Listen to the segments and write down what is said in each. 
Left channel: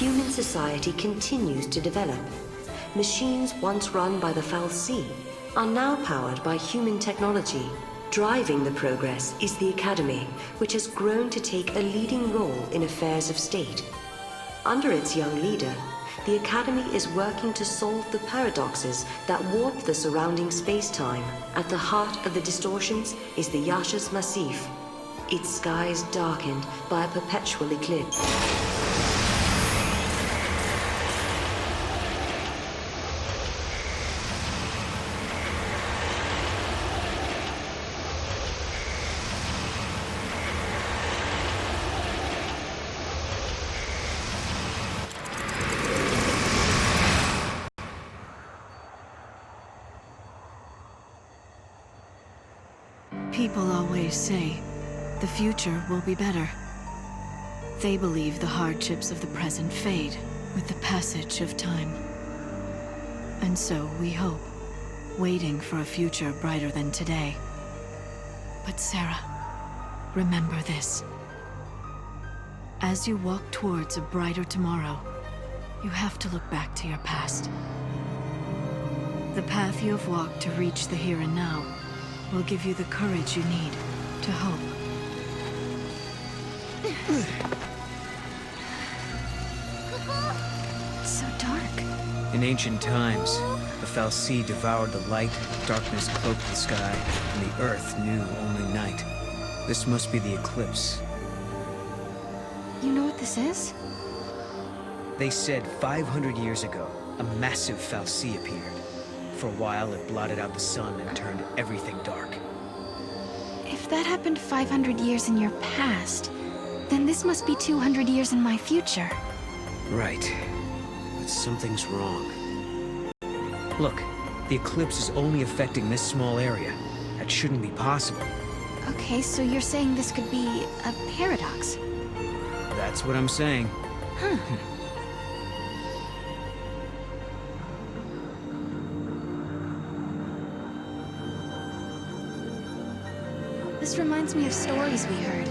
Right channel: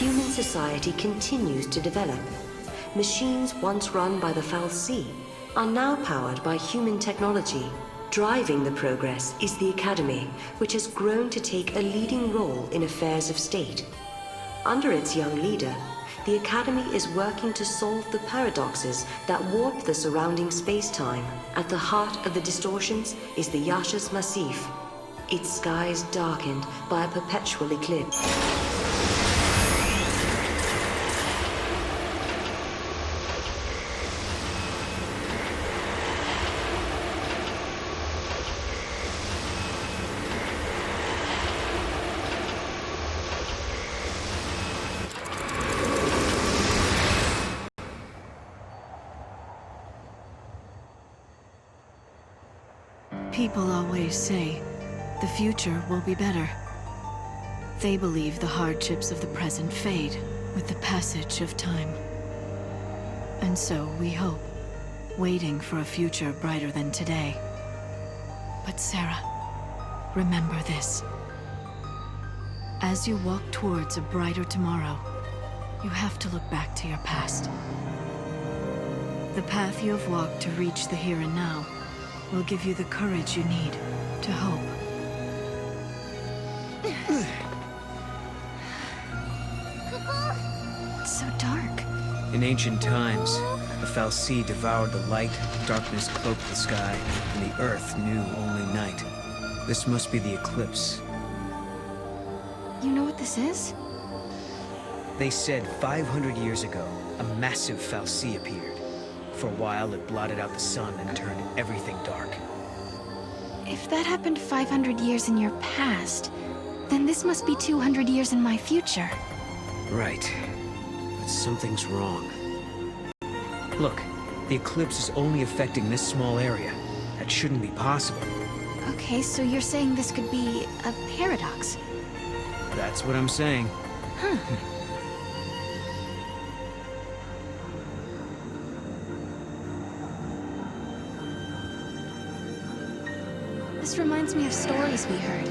human society continues to develop. Machines once run by the XIII are now powered by human technology. Driving the progress is the Academy, which has grown to take a leading role in affairs of state. Under its young leader, the Academy is working to solve the paradoxes that warp the surrounding space-time. At the heart of the distortions is the Yaschas Massif, its skies darkened by a perpetual eclipse. People always say, the future will be better. They believe the hardships of the present fade with the passage of time. And so we hope, waiting for a future brighter than today. But Sarah, remember this. As you walk towards a brighter tomorrow, you have to look back to your past. The path you have walked to reach the here and now will give you the courage you need to hope. It's so dark. In ancient times, the XIII devoured the light, darkness cloaked the sky, and the earth knew only night. This must be the eclipse. You know what this is? They said 500 years ago, a massive XIII appeared. For a while, it blotted out the sun and turned everything dark. If that happened 500 years in your past, then this must be 200 years in my future. Right. But something's wrong. Look, the eclipse is only affecting this small area. That shouldn't be possible. Okay, so you're saying this could be a paradox? That's what I'm saying. Huh. This reminds me of stories we heard,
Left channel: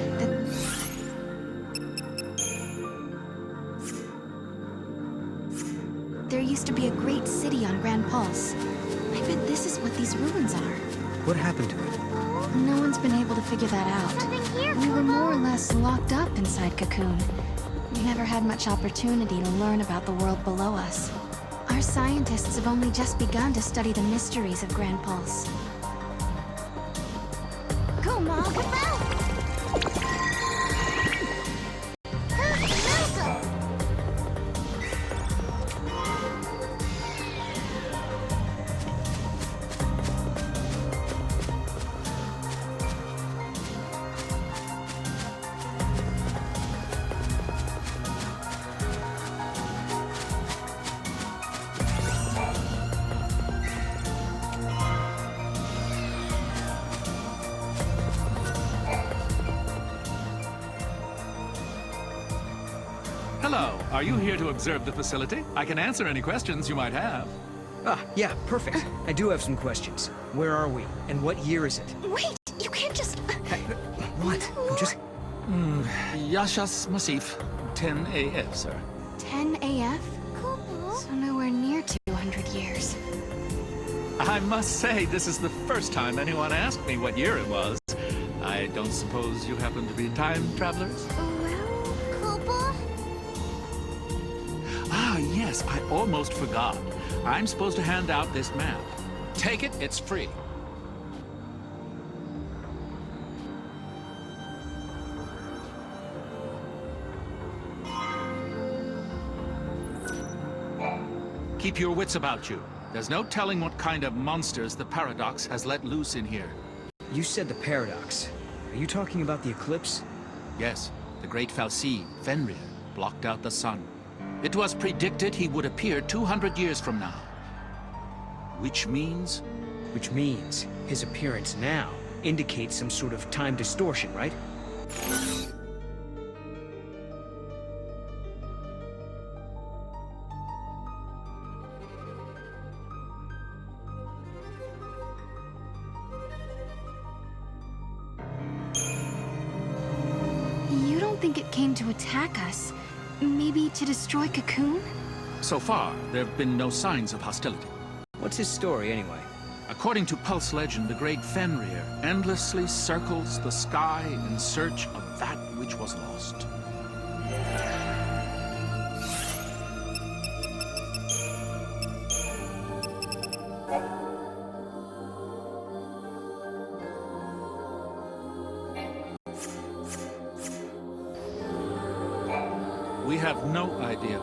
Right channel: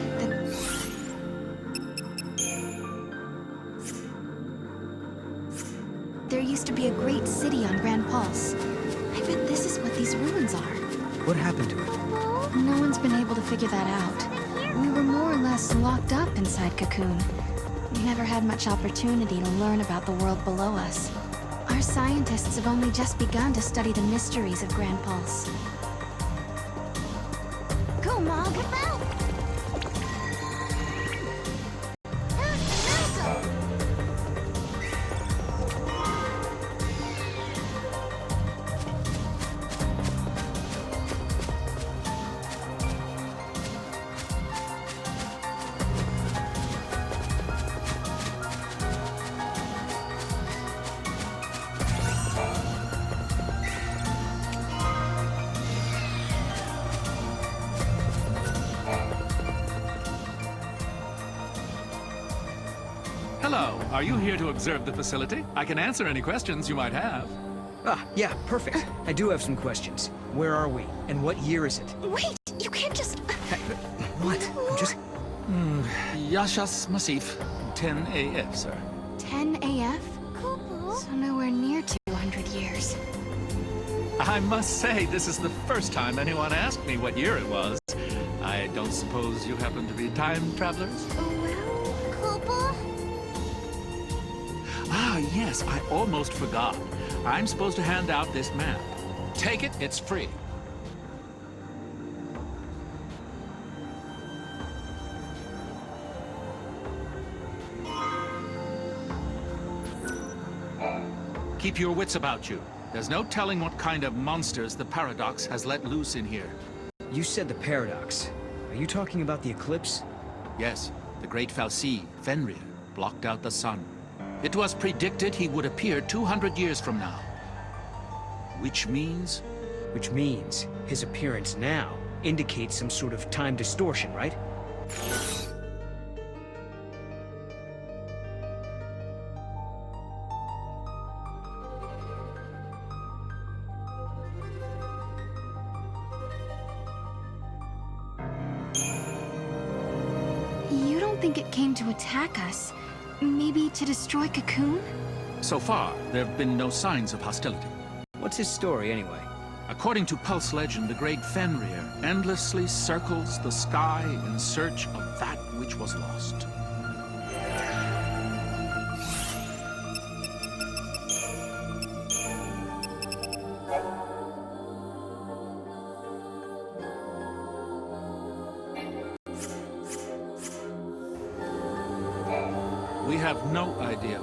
there used to be a great city on Grand Pulse. I bet this is what these ruins are. What happened to it? No one's been able to figure that out. We were more or less locked up inside Cocoon. We never had much opportunity to learn about the world below us. Our scientists have only just begun to study the mysteries of Grand Pulse. Go, Mom! Hello, are you here to observe the facility? I can answer any questions you might have. Ah, yeah, perfect. I do have some questions. Where are we? And what year is it? Wait! You can't just... What? I'm just... Yaschas Massif, 10 AF, sir. 10 AF? So nowhere near 200 years. I must say, this is the first time anyone asked me what year it was. I don't suppose you happen to be time travelers? Ah, yes, I almost forgot. I'm supposed to hand out this map. Take it, it's free. Keep your wits about you. There's no telling what kind of monsters the paradox has let loose in here. You said the paradox. Are you talking about the eclipse? Yes, the great XIII, Fenrir, blocked out the sun. It was predicted he would appear 200 years from now. Which means? Which means his appearance now indicates some sort of time distortion, right? You don't think it came to attack us, Maybe to destroy Cocoon? So far, there have been no signs of hostility. What's his story, anyway? According to Pulse legend, the great Fenrir endlessly circles the sky in search of that which was lost. We have no idea.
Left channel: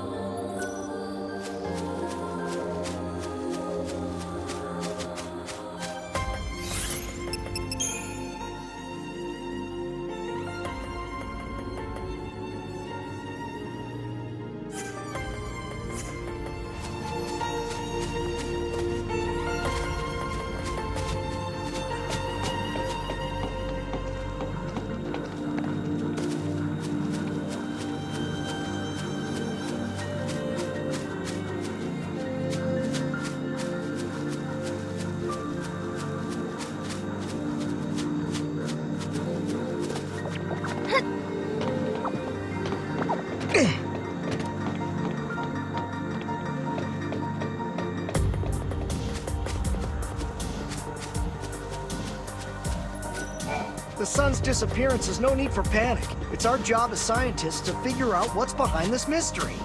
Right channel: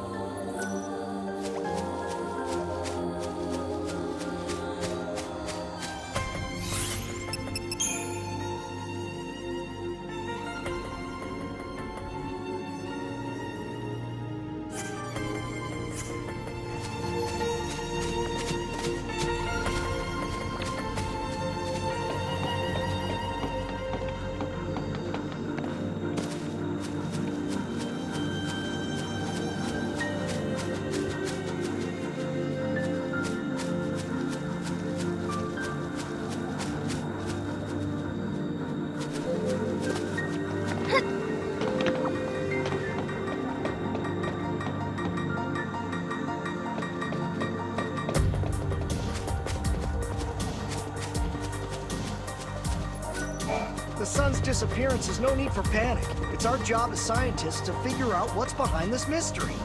The sun's disappearance is no need for panic. It's our job as scientists to figure out what's behind this mystery.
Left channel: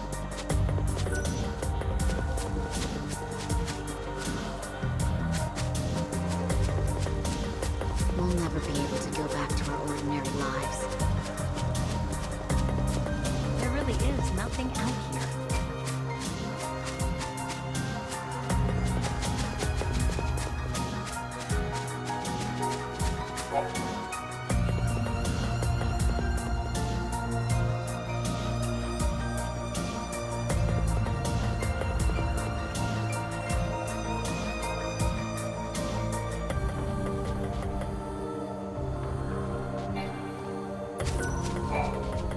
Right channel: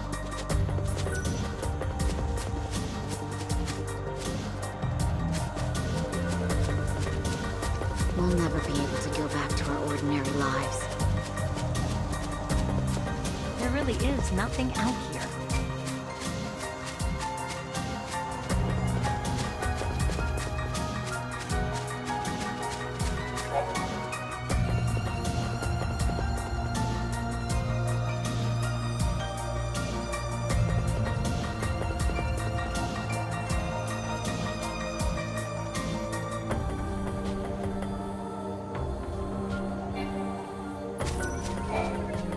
We'll never be able to go back to our ordinary lives. There really is nothing out here.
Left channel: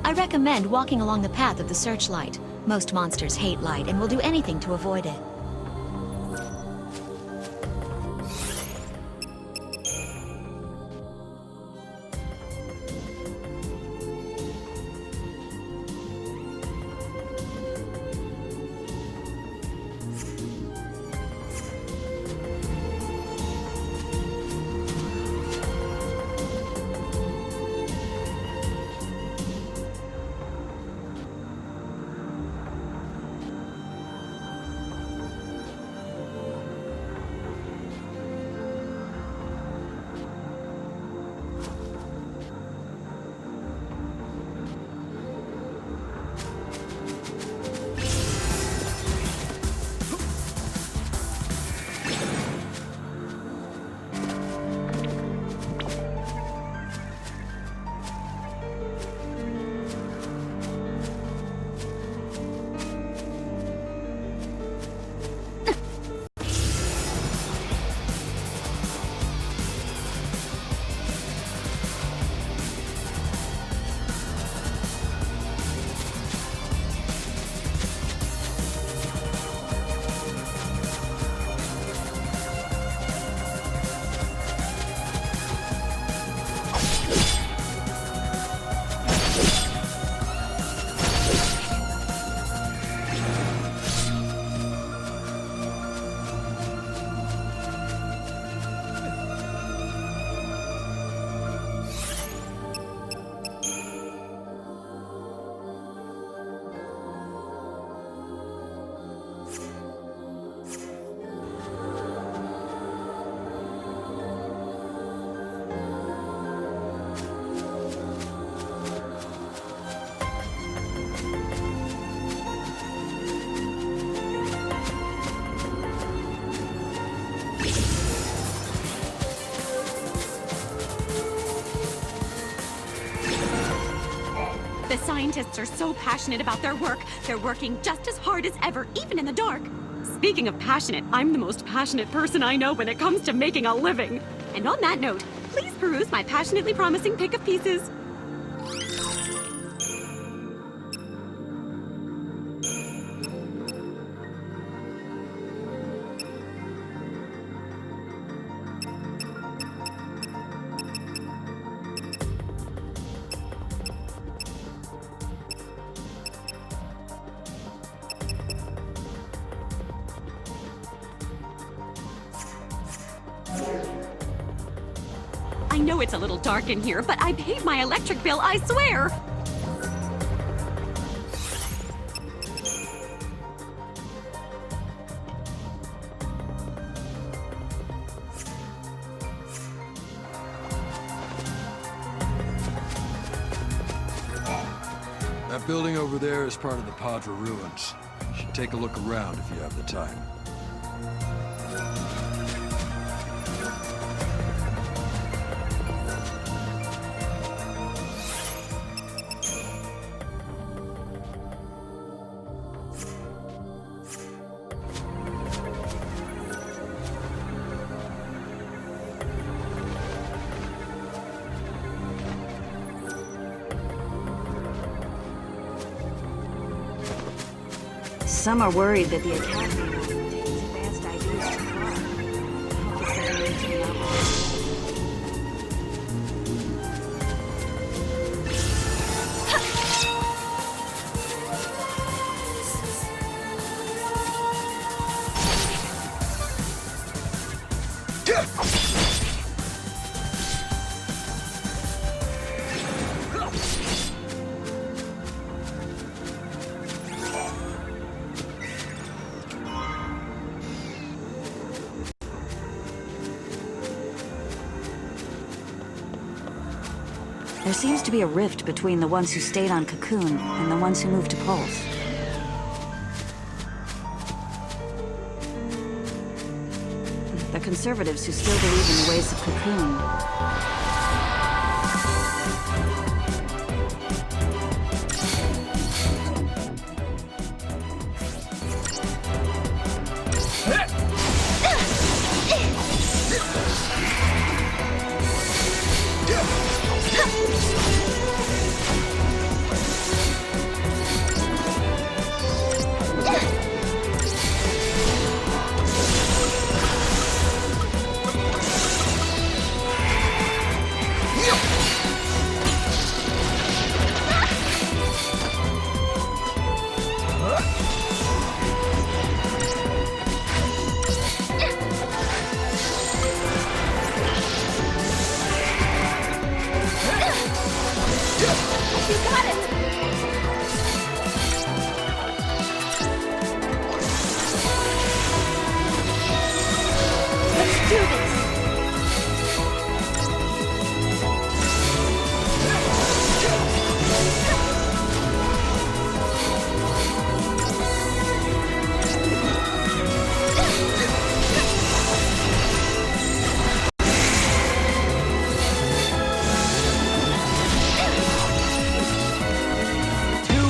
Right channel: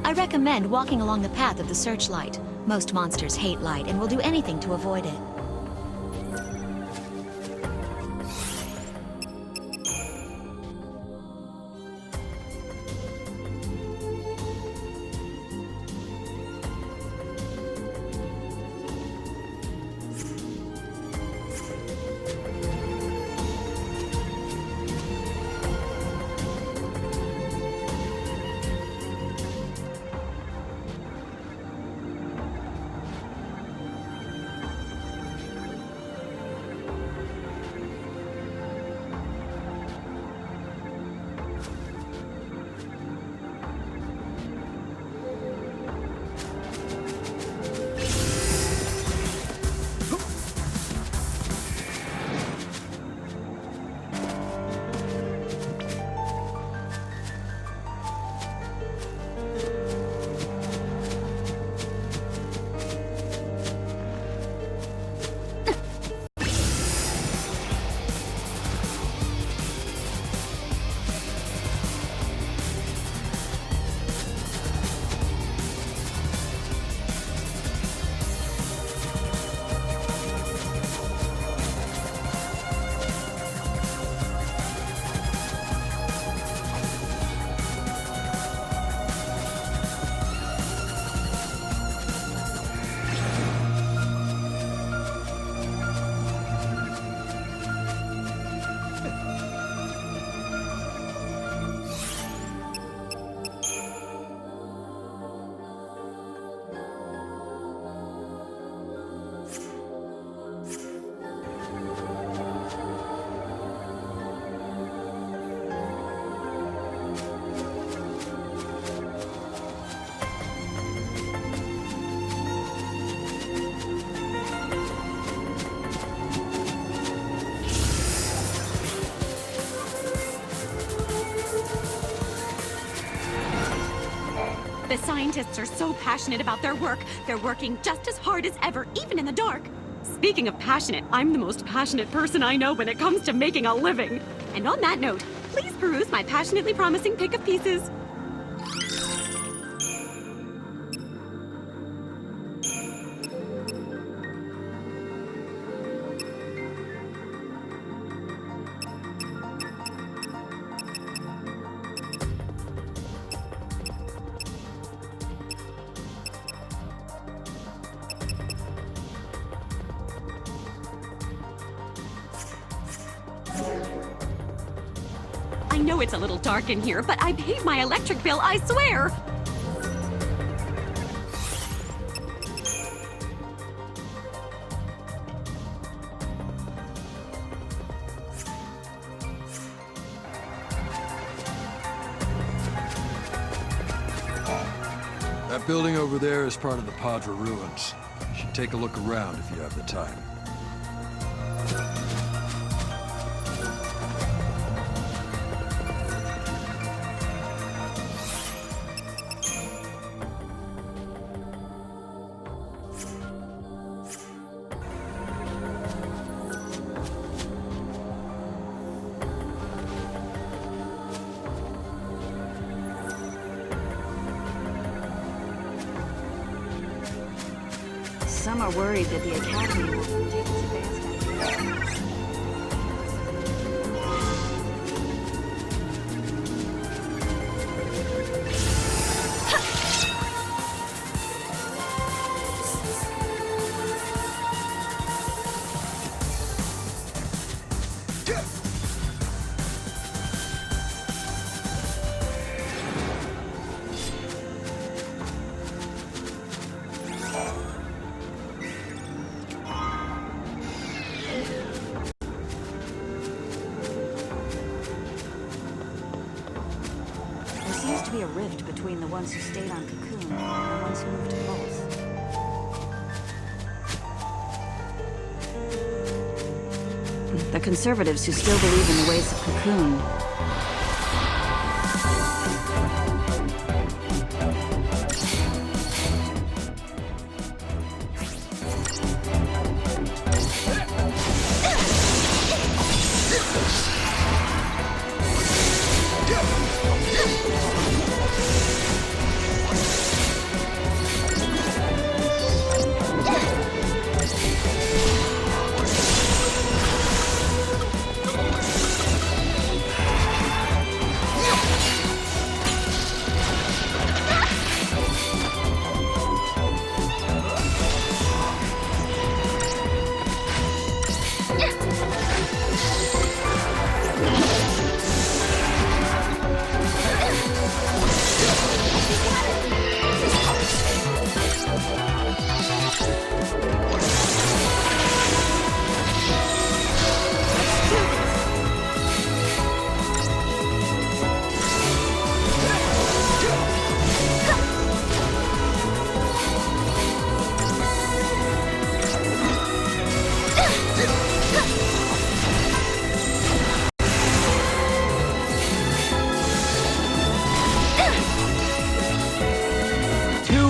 I recommend walking along the path of the searchlight. Most monsters hate light and will do anything to avoid it. The scientists are so passionate about their work, they're working just as hard as ever, even in the dark. Speaking of passionate, I'm the most passionate person I know when it comes to making a living. And on that note, please peruse my passionately promising pick of pieces. I know it's a little dark in here, but I paid my electric bill, I swear! That building over there is part of the Padre ruins. You should take a look around if you have the time. Some are worried that the Academy will take its advanced ideas too far. Help the civilians to the outlaws. There seems to be a rift between the ones who stayed on Cocoon and the ones who moved to Pulse. The conservatives who still believe in the ways of Cocoon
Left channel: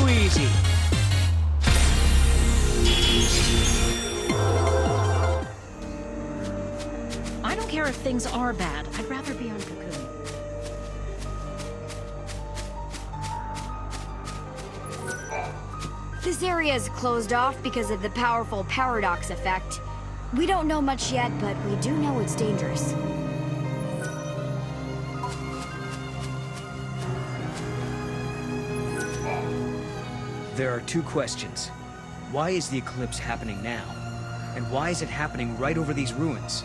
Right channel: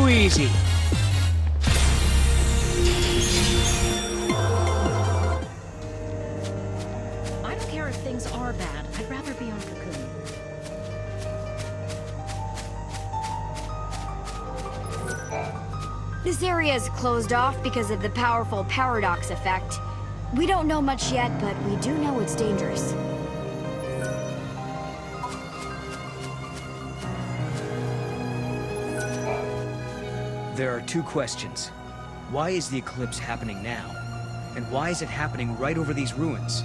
Easy. I don't care if things are bad. I'd rather be on Cocoon. This area is closed off because of the powerful paradox effect. We don't know much yet, but we do know it's dangerous. There are two questions. Why is the eclipse happening now? And why is it happening right over these ruins?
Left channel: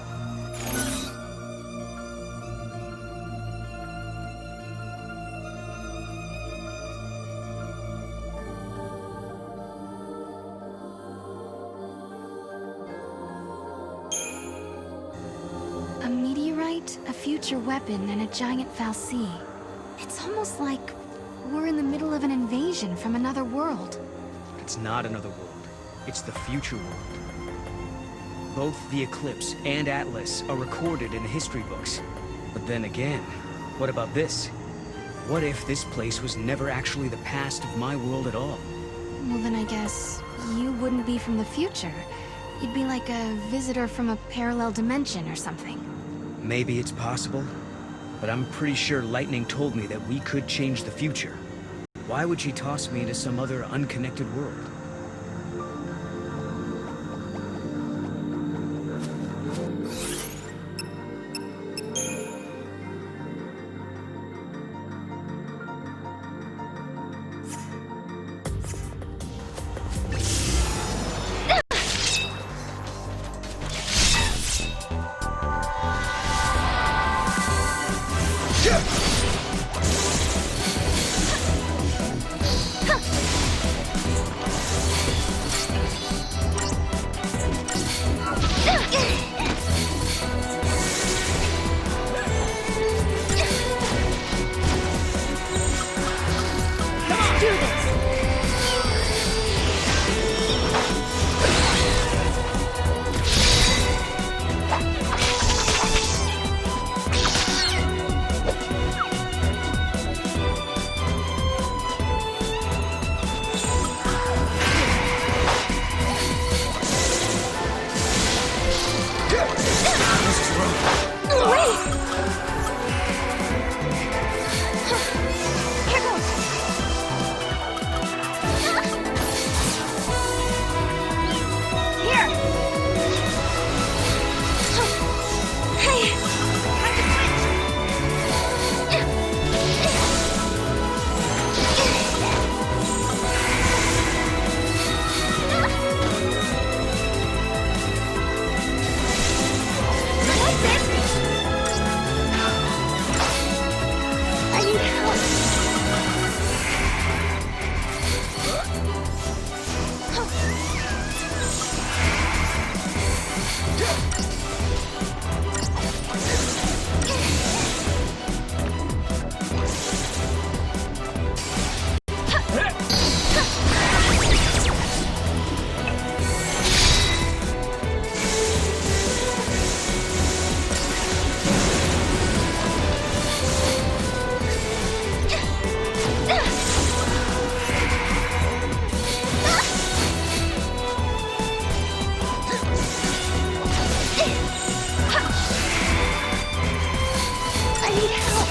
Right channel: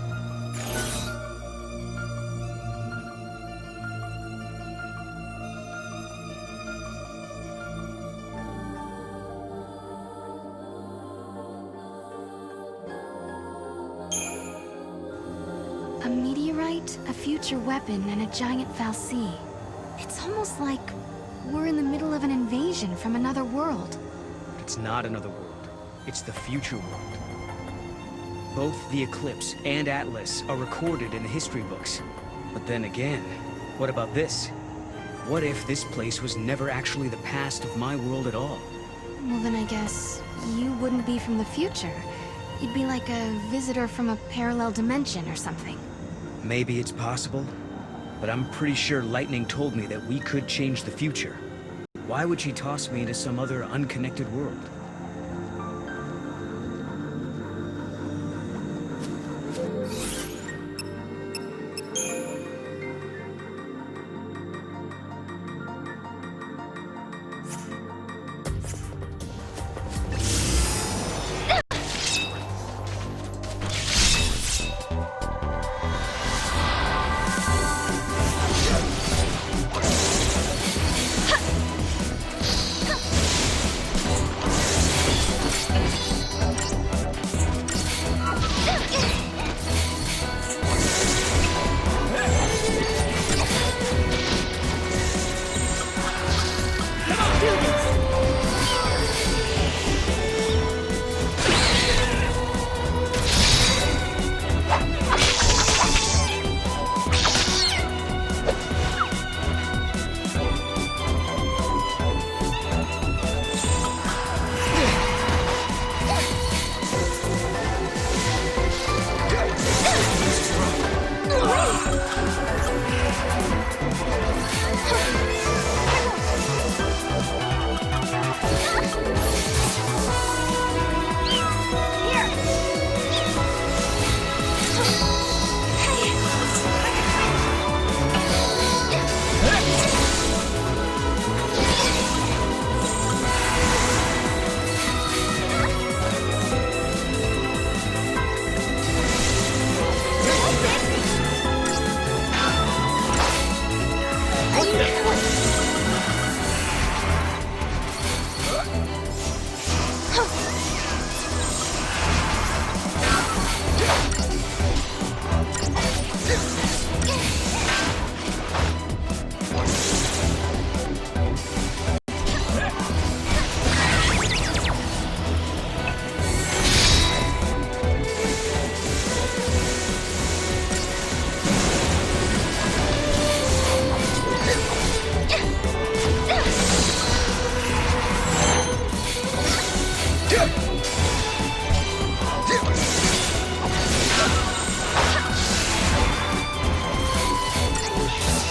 A meteorite, a future weapon, and a giant fal'Cie. It's almost like we're in the middle of an invasion from another world. It's not another world. It's the future world. Both the Eclipse and Atlas are recorded in the history books. But then again, what about this? What if this place was never actually the past of my world at all? Well, then I guess you wouldn't be from the future. You'd be like a visitor from a parallel dimension or something. Maybe it's possible, but I'm pretty sure Lightning told me that we could change the future. Why would she toss me into some other unconnected world? need help.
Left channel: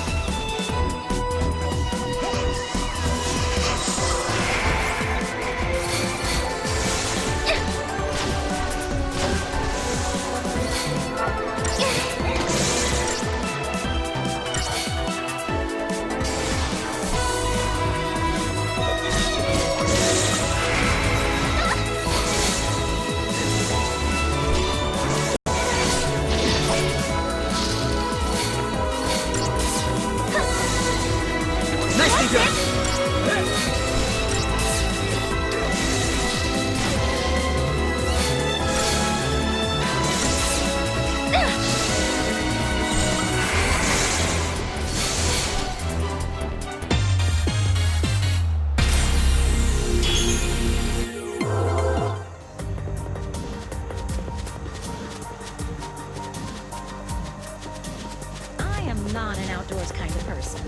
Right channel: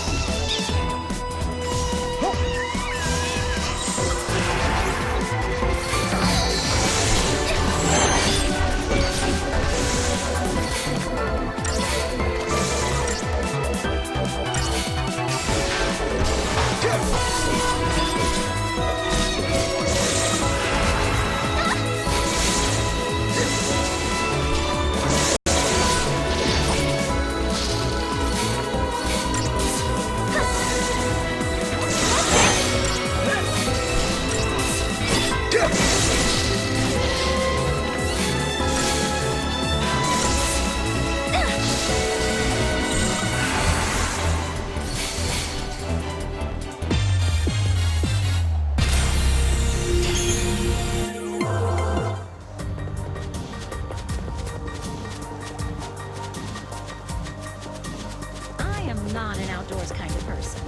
I am not an outdoors kind of person.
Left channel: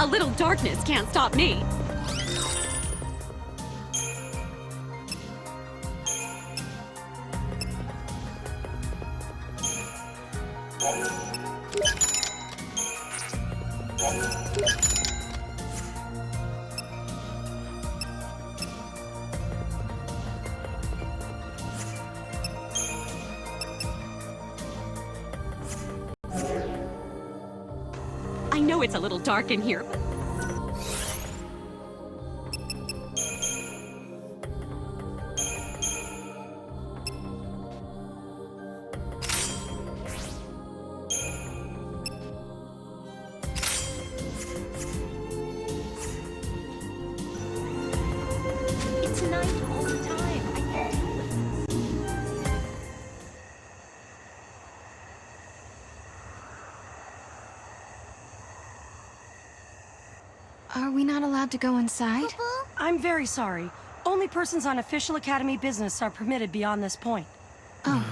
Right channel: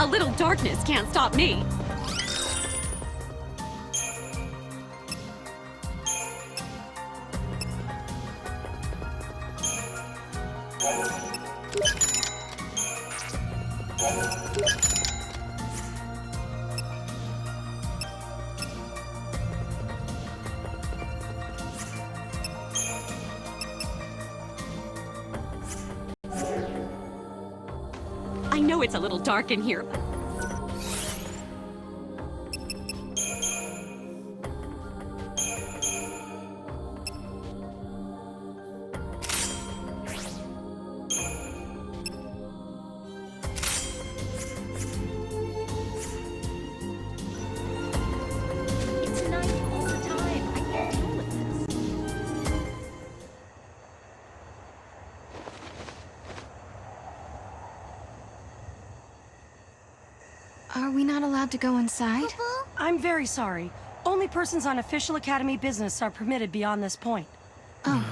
A little darkness can't stop me. I know it's a little dark in here, but It's night all the time. I can't deal with this. Are we not allowed to go inside? I'm very sorry. Only persons on official Academy business are permitted beyond this point. Oh.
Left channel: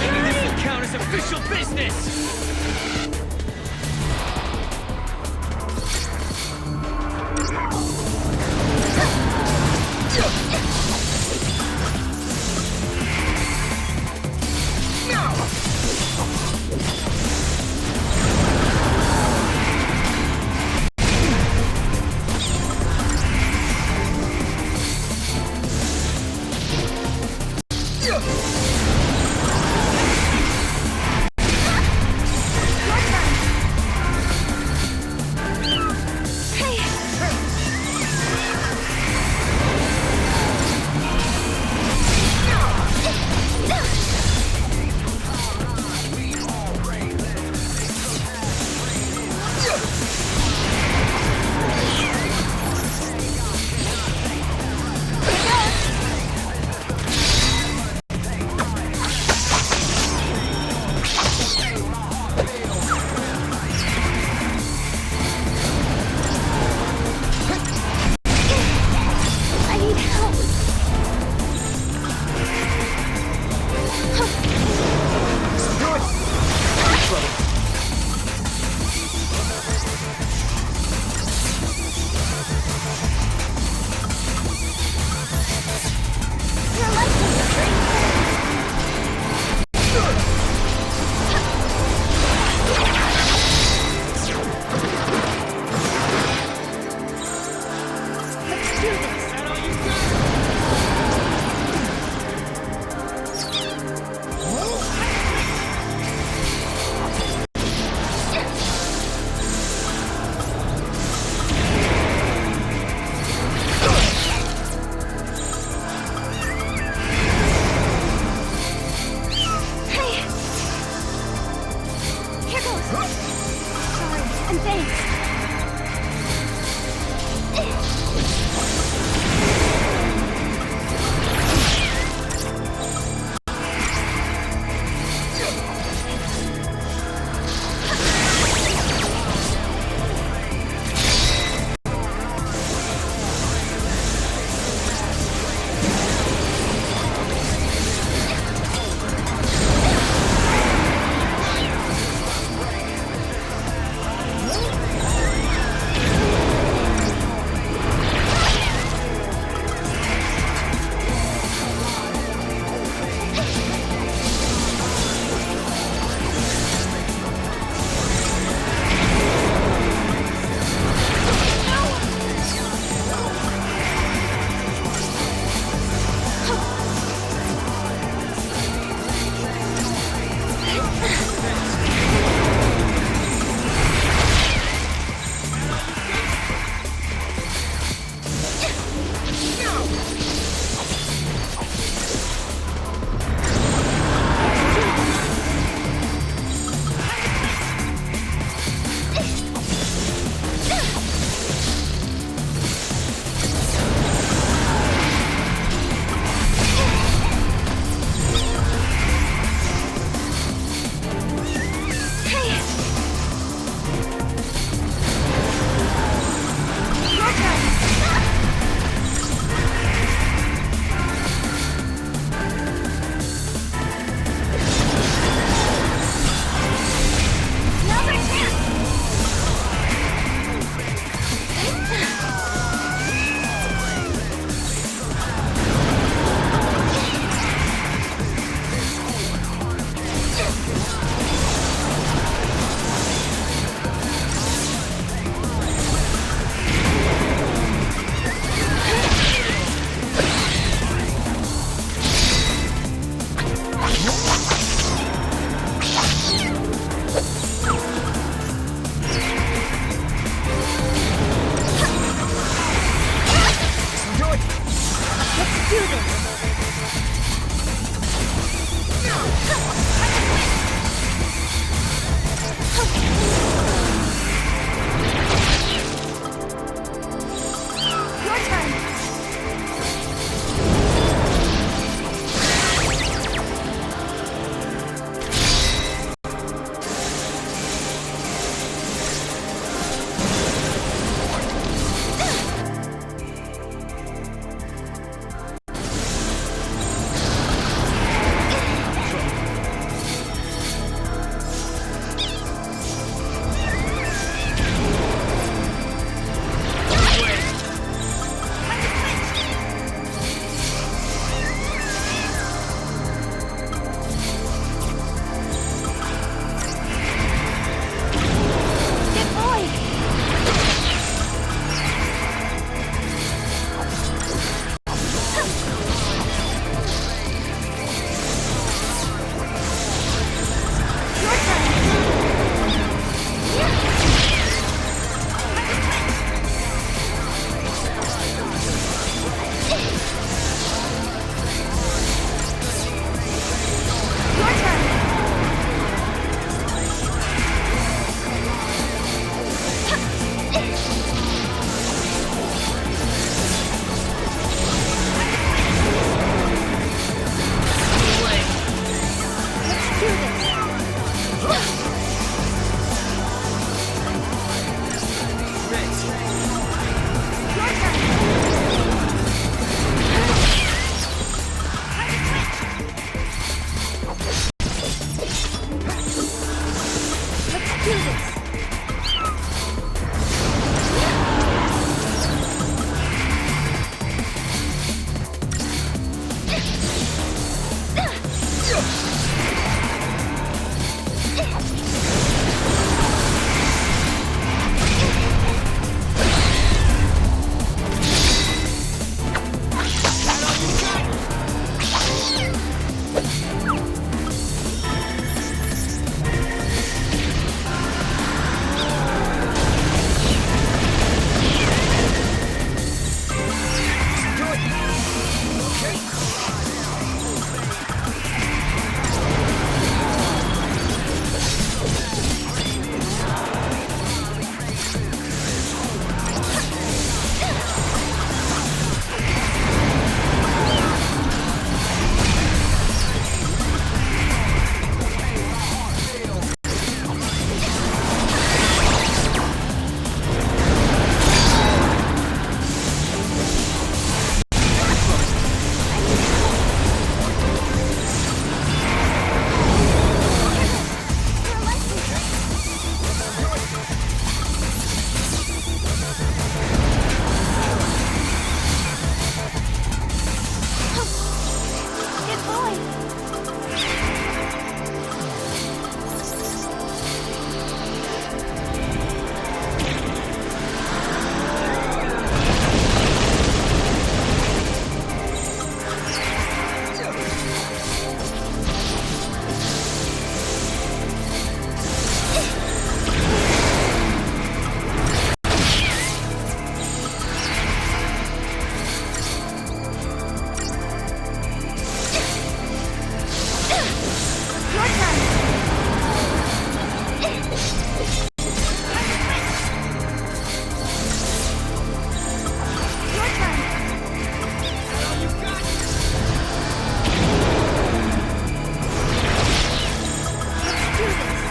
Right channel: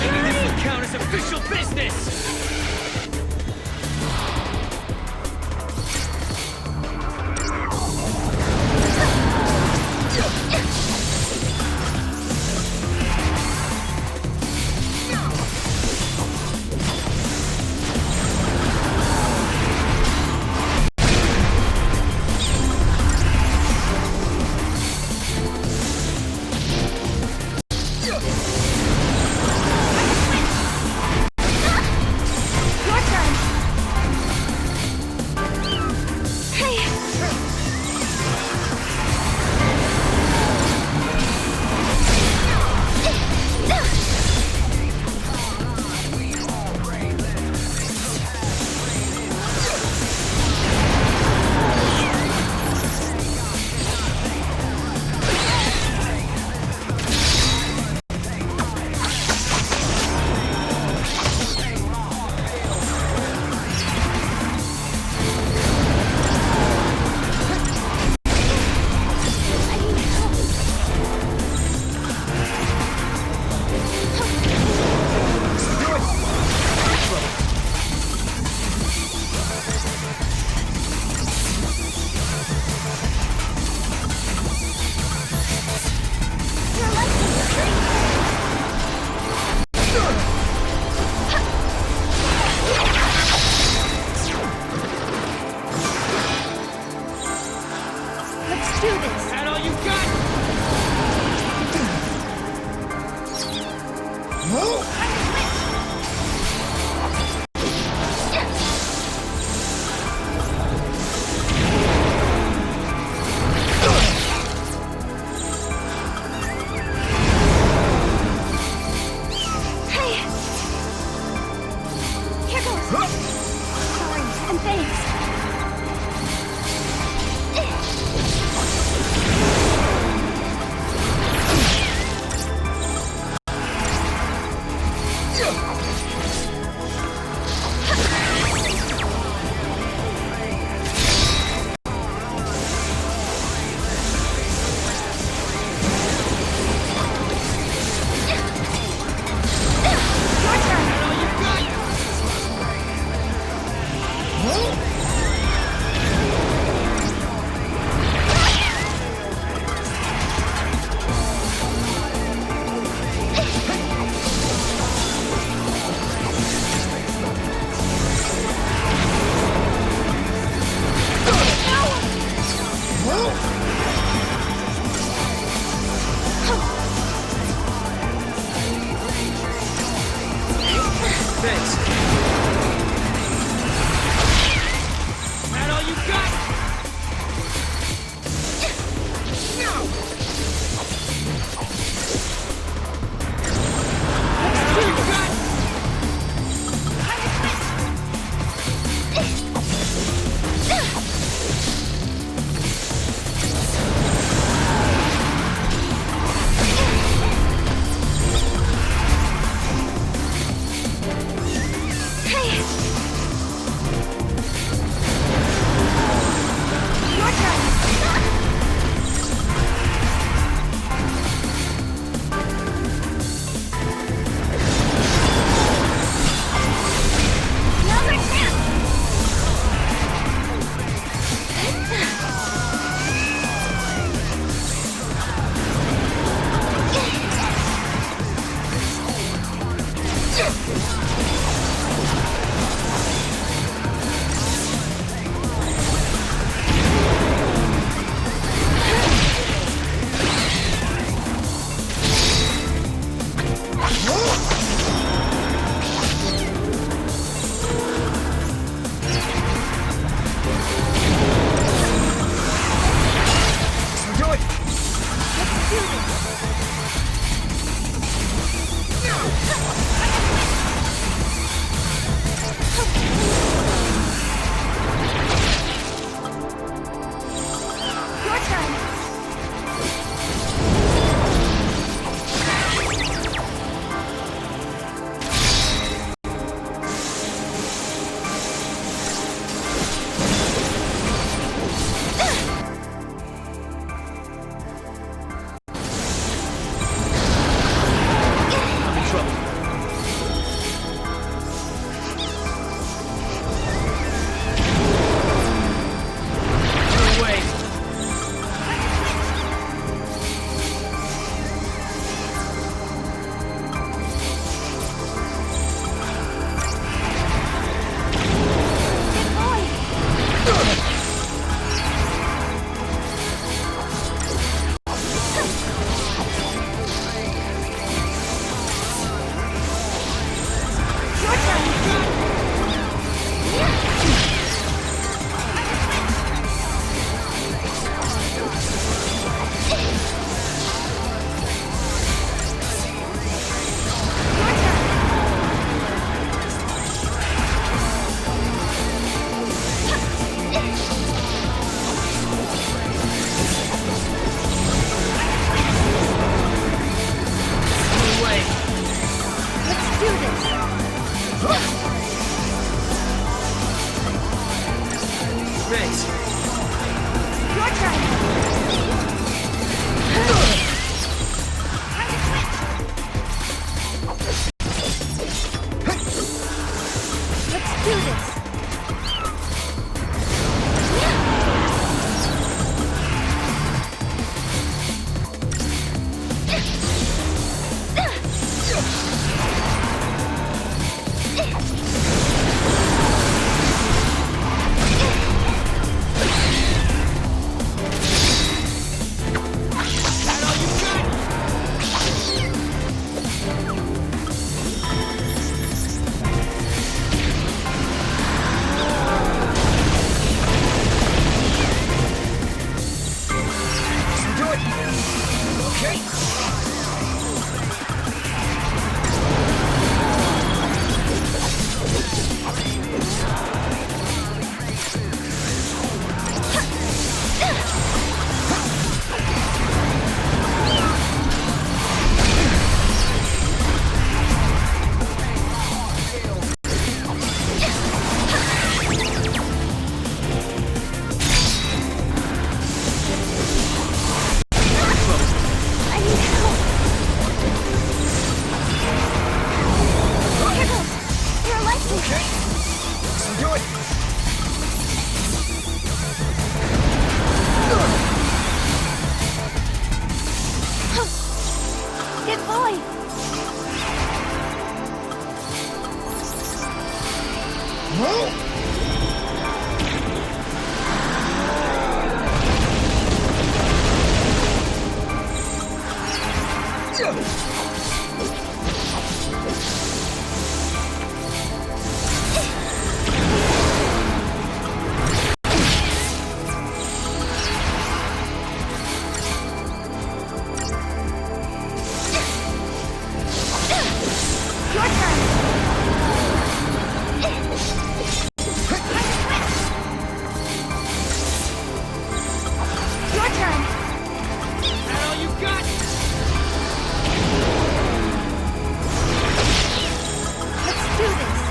Maybe this will count as official business! Thanks. Let's do this!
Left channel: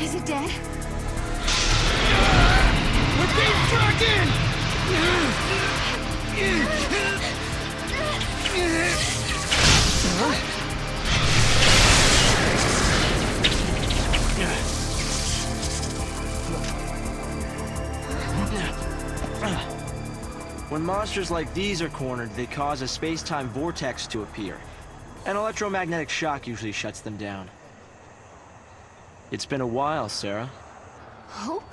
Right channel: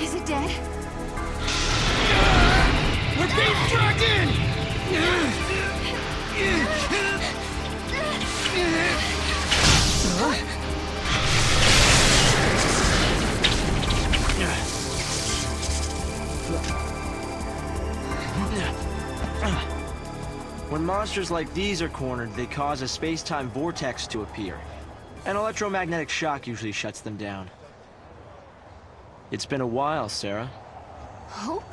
Is it dead? We're being dragged in! When monsters like these are cornered, they cause a space-time vortex to appear. An electromagnetic shock usually shuts them down. It's been a while, Sarah. Hope?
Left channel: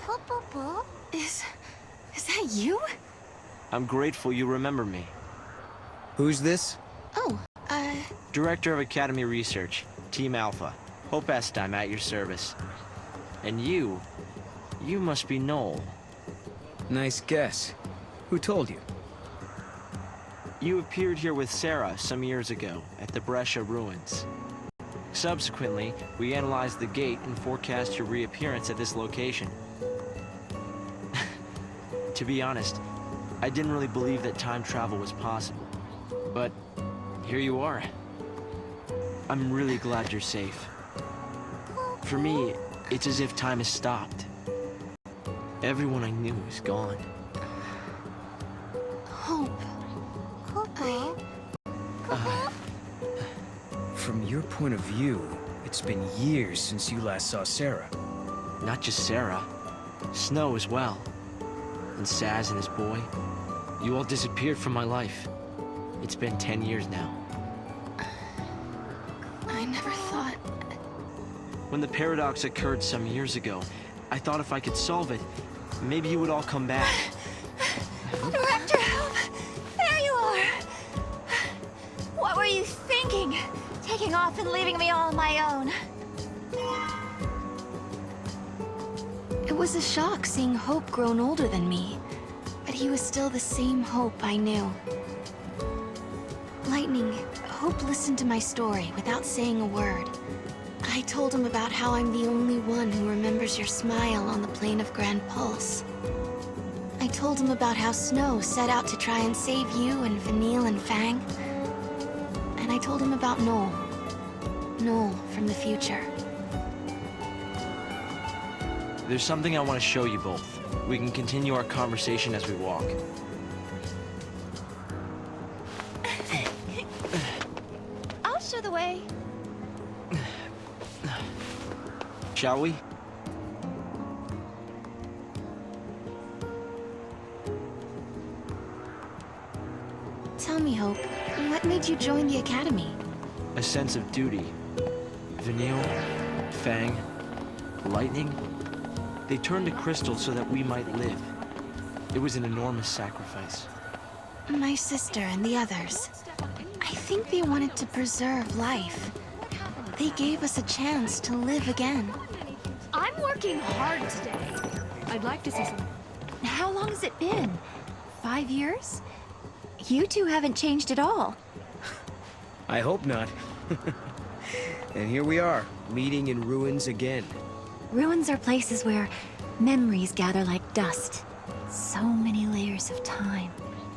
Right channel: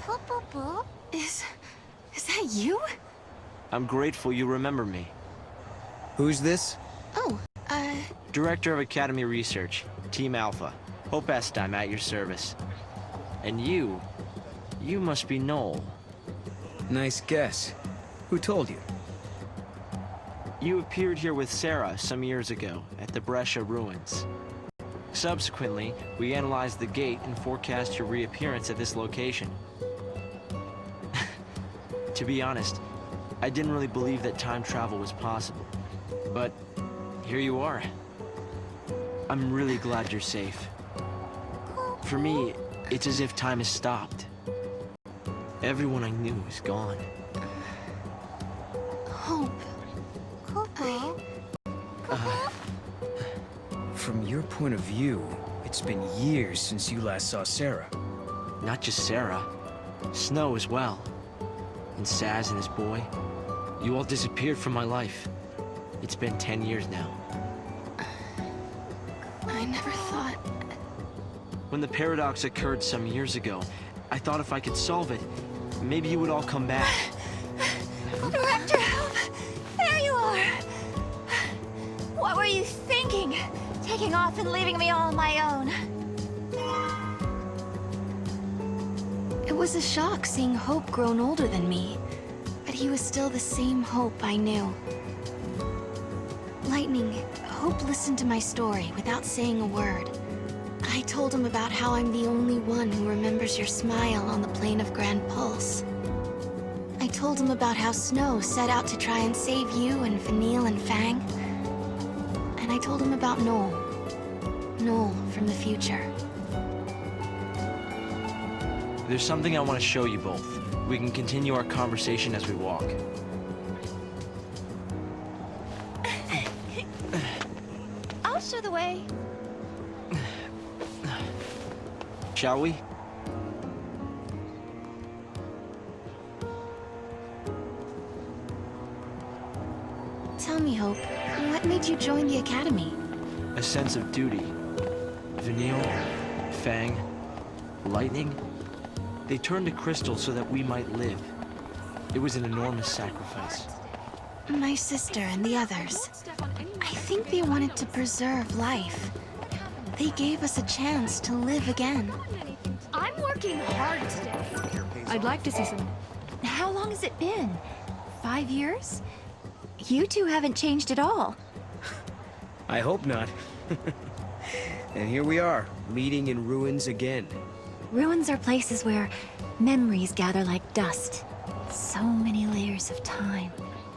Is that you? I'm grateful you remember me. Who's this? Oh, Director of Academy Research, Team Alpha. Hope Est, I'm at your service. And you must be Noel. Nice guess. Who told you? You appeared here with Sarah some years ago at the Brescia ruins. Subsequently, we analyzed the gate and forecast your reappearance at this location. To be honest, I didn't really believe that time travel was possible. But here you are. I'm really glad you're safe. For me, it's as if time has stopped. Everyone I knew is gone. Hope. From your point of view, it's been years since you last saw Sarah. Not just Sarah. Snow as well. And Saz and his boy. You all disappeared from my life. It's been 10 years now. I never thought... When the paradox occurred some years ago, I thought if I could solve it, maybe you would all come back. Director, help! There you are! What were you thinking? Taking off and leaving me all on my own. It was a shock seeing Hope grown older than me, but he was still the same Hope I knew. Lightning, Hope listened to my story without saying a word. I told him about how I'm the only one who remembers your smile on the plane of Grand Pulse. I told him about how Snow set out to try and save you and Vanille and Fang. And I told him about Noel. Noel from the future. There's something I want to show you both. We can continue our conversation as we walk. I'll show the way. Shall we? Tell me, Hope, what made you join the Academy? A sense of duty. Vanille, Fang, Lightning, they turned to Crystal so that we might live. It was an enormous sacrifice. My sister and the others. I think they wanted to preserve life. They gave us a chance to live again. I'm working hard today. I'd like to see some... How long has it been? 5 years? You two haven't changed at all. I hope not. And here we are, meeting in ruins again. Ruins are places where memories gather like dust. So many layers of time.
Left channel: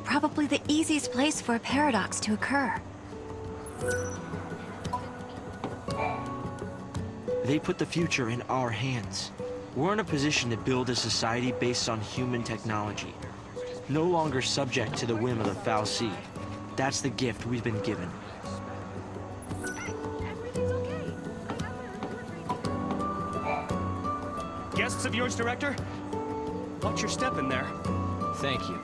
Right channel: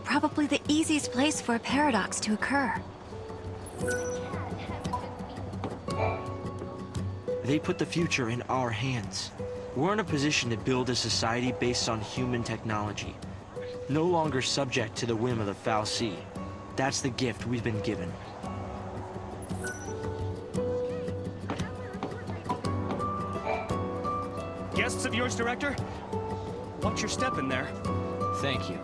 Probably the easiest place for a paradox to occur. They put the future in our hands. We're in a position to build a society based on human technology. No longer subject to the whim of the fal'Cie. That's the gift we've been given. Guests of yours, Director? Watch your step in there. Thank you.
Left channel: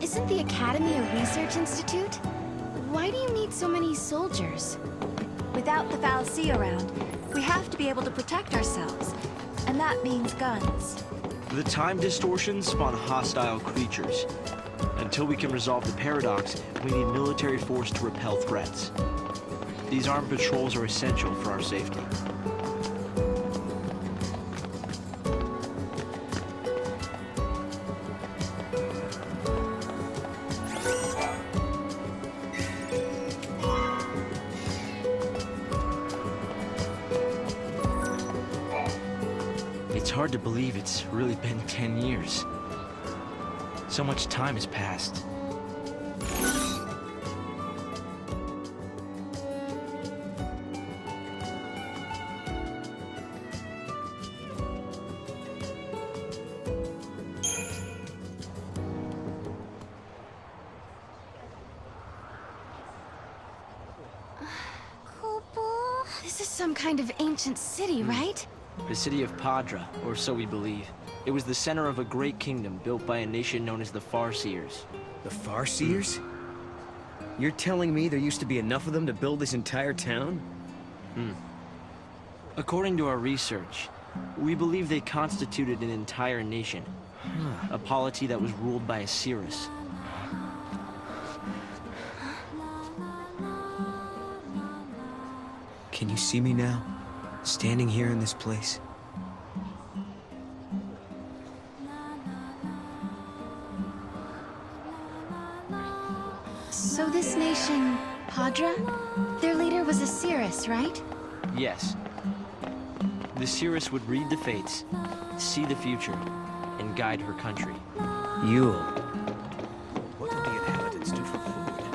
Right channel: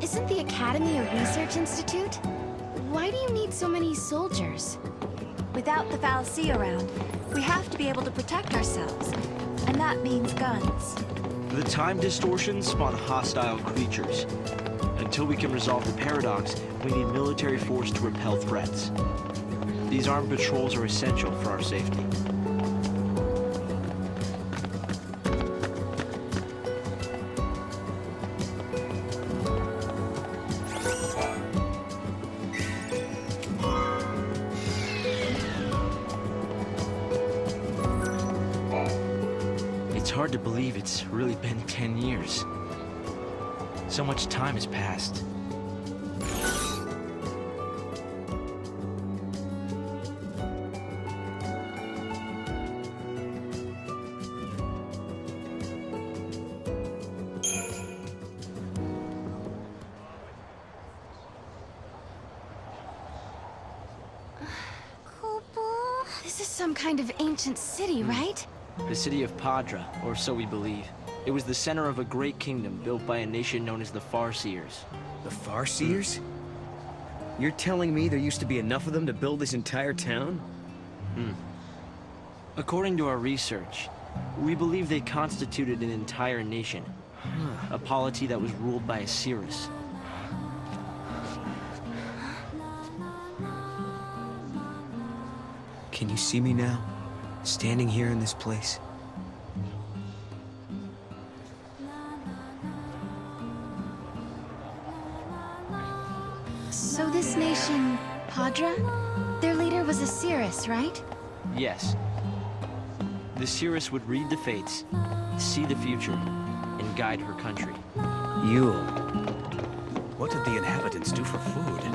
Isn't the Academy a research institute? Why do you need so many soldiers? Without the fal'Cie around, we have to be able to protect ourselves. And that means guns. The time distortions spawn hostile creatures. Until we can resolve the paradox, we need military force to repel threats. These armed patrols are essential for our safety. It's hard to believe it's really been 10 years. So much time has passed. This is some kind of ancient city, right? The city of Padra, or so we believe. It was the center of a great kingdom built by a nation known as the Farseers. The Farseers? You're telling me there used to be enough of them to build this entire town? According to our research, we believe they constituted an entire nation. A polity that was ruled by a Cirrus. Can you see me now? Standing here in this place? So this nation, Padra? Their leader was a Cirrus, right? Yes. The Cirrus would read the fates, see the future, and guide her country. Yule. What did the inhabitants do for food?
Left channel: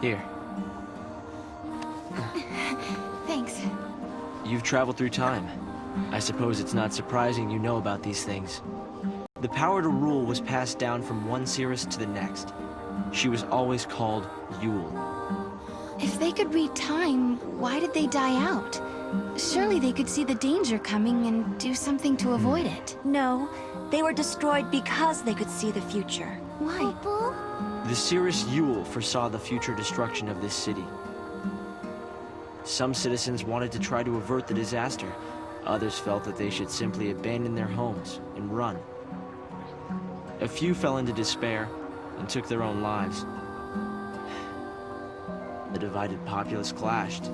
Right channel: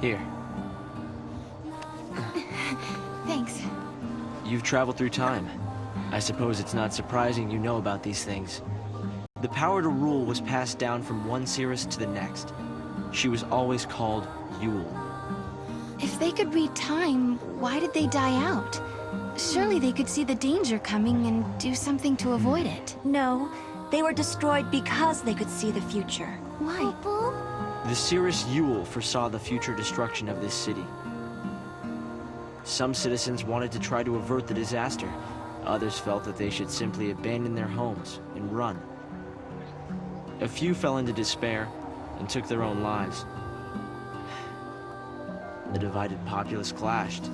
Here. Thanks. You've traveled through time. I suppose it's not surprising you know about these things. The power to rule was passed down from one Cirrus to the next. She was always called Yule. If they could read time, why did they die out? Surely they could see the danger coming and do something to avoid it. No, they were destroyed because they could see the future. Why? The Cirrus Yule foresaw the future destruction of this city. Some citizens wanted to try to avert the disaster. Others felt that they should simply abandon their homes and run. A few fell into despair. and took their own lives. The divided populace clashed.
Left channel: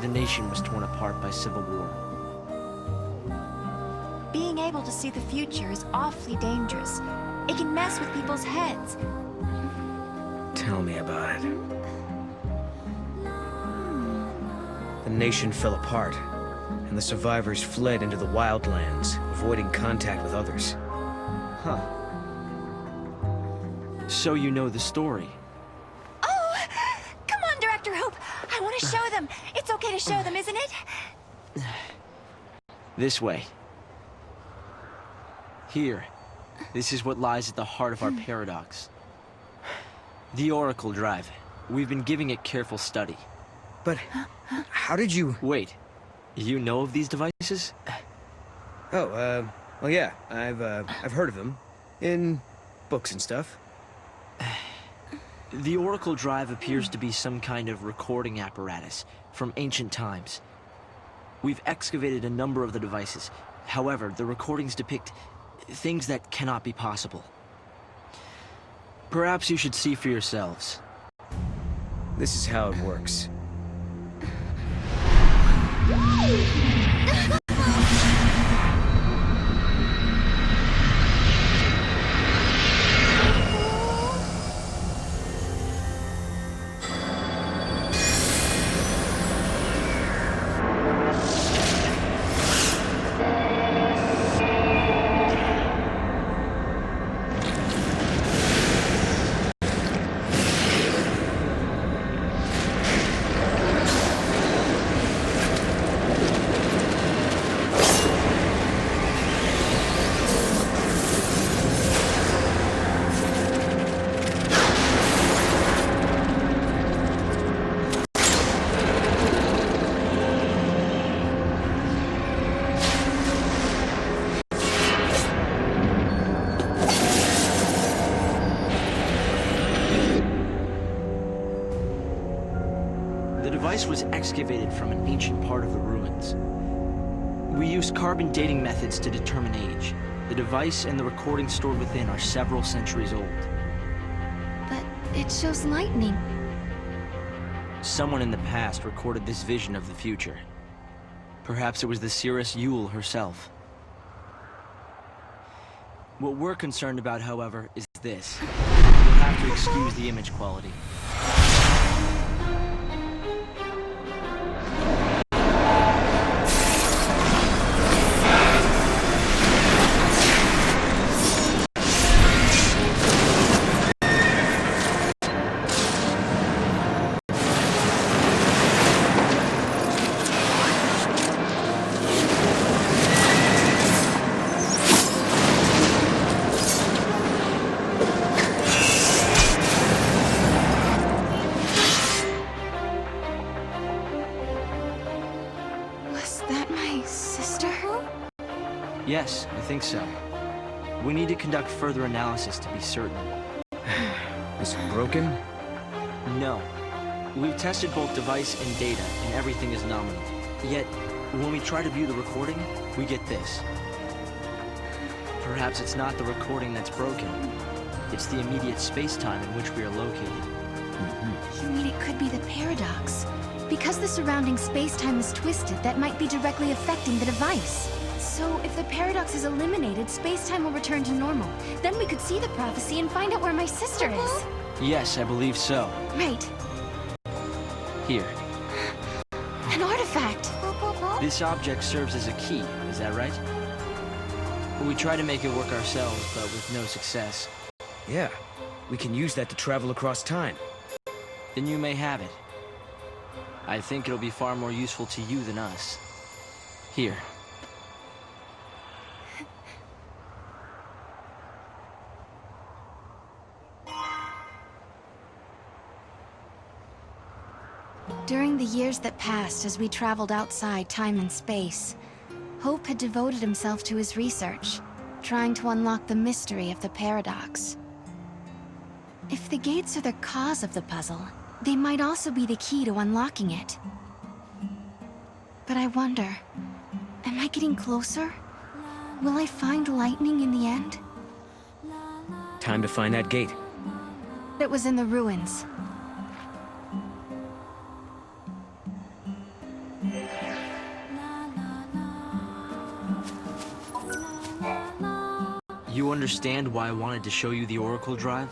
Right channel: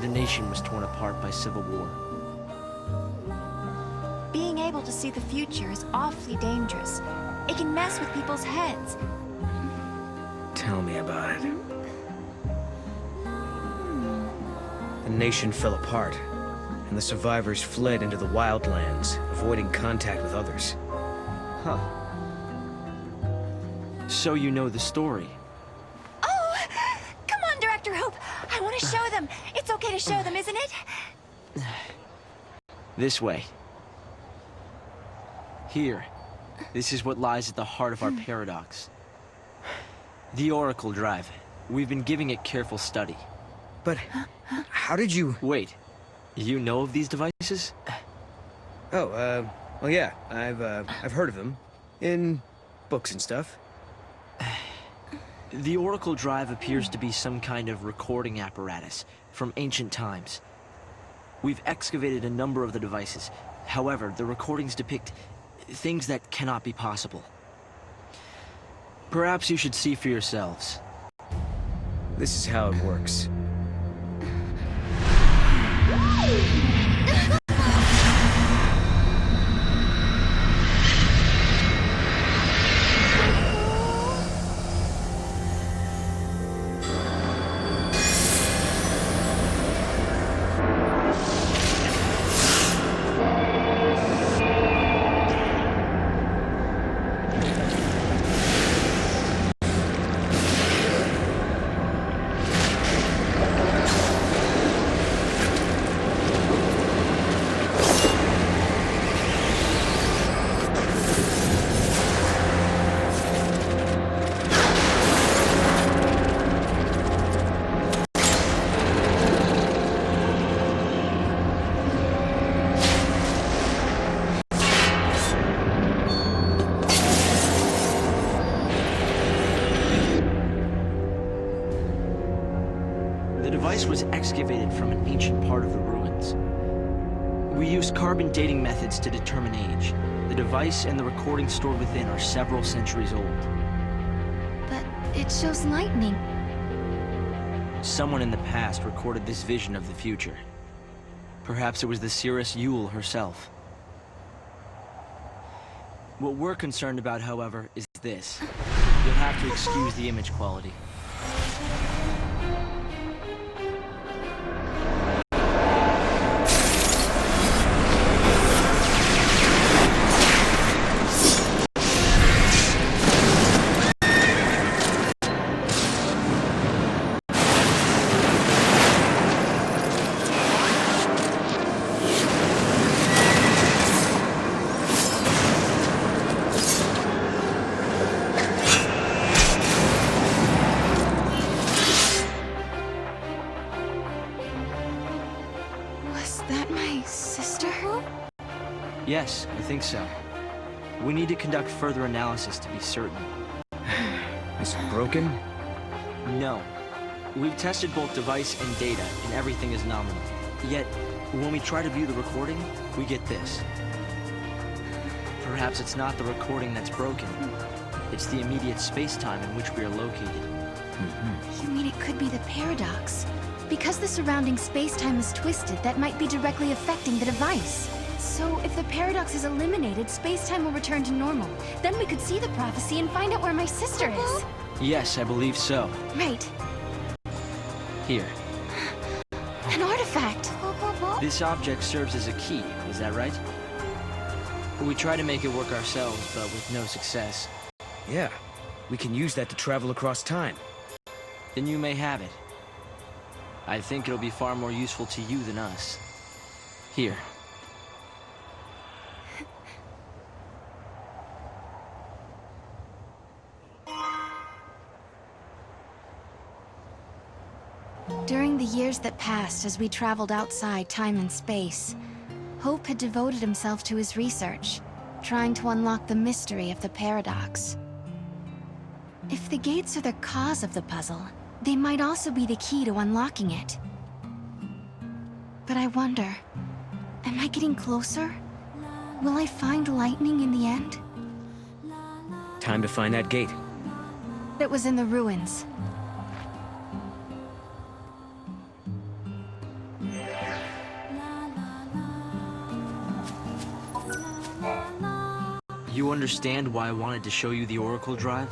The nation was torn apart by civil war. Being able to see the future is awfully dangerous. It can mess with people's heads. Tell me about it. The nation fell apart, and the survivors fled into the wildlands, avoiding contact with others. Huh. So you know the story. Oh! Come on, Director Hope! I want to show them! It's okay to show them, isn't it? This way. Here. This is what lies at the heart of our paradox. The Oracle Drive. We've been giving it careful study. But how did you... Wait. You know of these devices? Oh, well, yeah. I've heard of them. In books and stuff. The Oracle Drive appears to be some kind of recording apparatus from ancient times. We've excavated a number of the devices. However, the recordings depict things that cannot be possible. Perhaps you should see for yourselves. This is how it works. The device was excavated from an ancient part of the ruins. We used carbon dating methods to determine age. The device and the recording stored within are several centuries old. But it shows lightning. Someone in the past recorded this vision of the future. Perhaps it was the seeress Yule herself. What we're concerned about, however, is this. You'll have to excuse the image quality. Yes, I think so. We need to conduct further analysis to be certain. Is it broken? No. We've tested both device and data, and everything is nominal. Yet, when we try to view the recording, we get this. Perhaps it's not the recording that's broken. It's the immediate space-time in which we are located. You mean it could be the paradox? Because the surrounding space-time is twisted, that might be directly affecting the device. So, if the paradox is eliminated, space-time will return to normal. Then we could see the prophecy and find out where my sister is. Yes, I believe so. Right. Here. An artifact! This object serves as a key, is that right? We try to make it work ourselves, but with no success. Yeah, we can use that to travel across time. Then you may have it. I think it'll be far more useful to you than us. Here. During the years that passed as we traveled outside time and space, Hope had devoted himself to his research, trying to unlock the mystery of the paradox. If the gates are the cause of the puzzle, they might also be the key to unlocking it. But I wonder, am I getting closer? Will I find lightning in the end? Time to find that gate. It was in the ruins. You understand why I wanted to show you the Oracle Drive?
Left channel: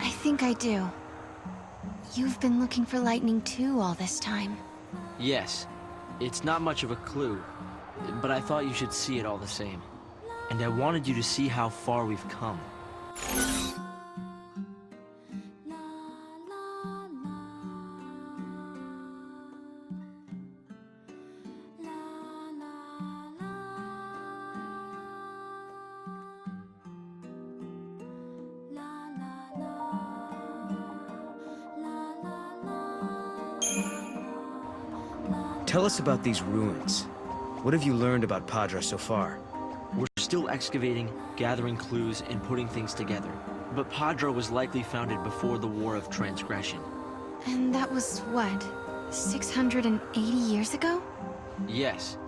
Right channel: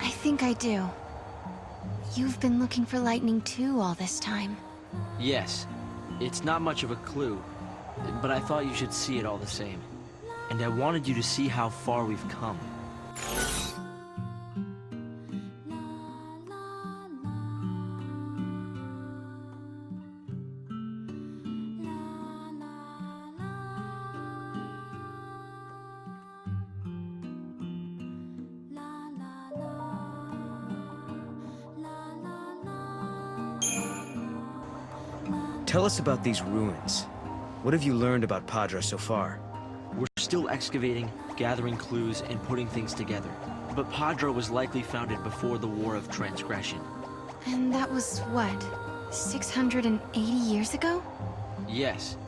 I think I do. You've been looking for lightning too all this time. Yes. It's not much of a clue, but I thought you should see it all the same. And I wanted you to see how far we've come. Tell us about these ruins. What have you learned about Padra so far? We're still excavating, gathering clues, and putting things together. But Padra was likely founded before the War of Transgression. And that was, what, 680 years ago? Yes.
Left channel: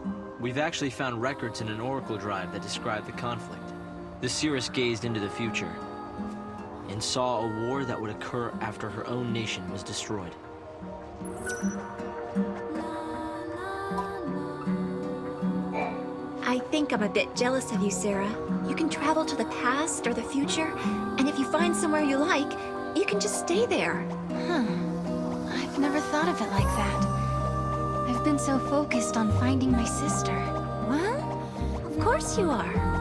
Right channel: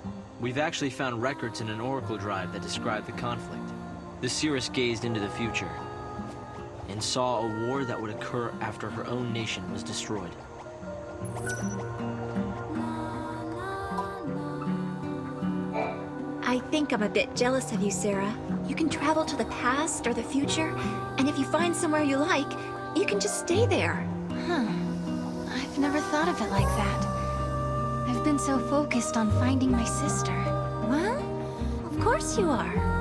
We've actually found records in an Oracle Drive that describe the conflict. The seeress gazed into the future and saw a war that would occur after her own nation was destroyed. I think I'm a bit jealous of you, Sarah. You can travel to the past or the future, and if you find somewhere you like, you can just stay there. Huh. I've never thought of it like that. I've been so focused on finding my sister. Well, of course you are.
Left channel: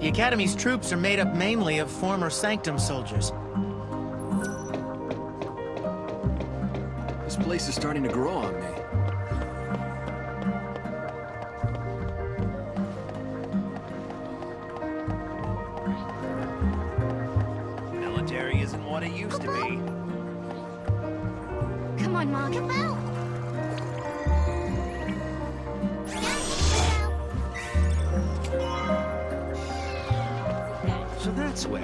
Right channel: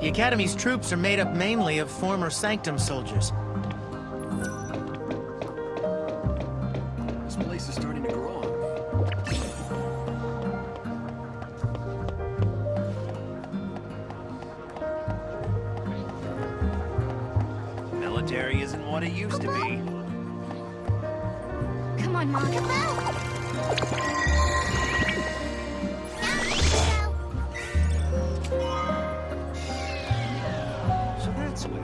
The Academy's troops are made up mainly of former Sanctum soldiers. This place is starting to grow on me. Military isn't what it used to be. Come on, Mom. So that's where.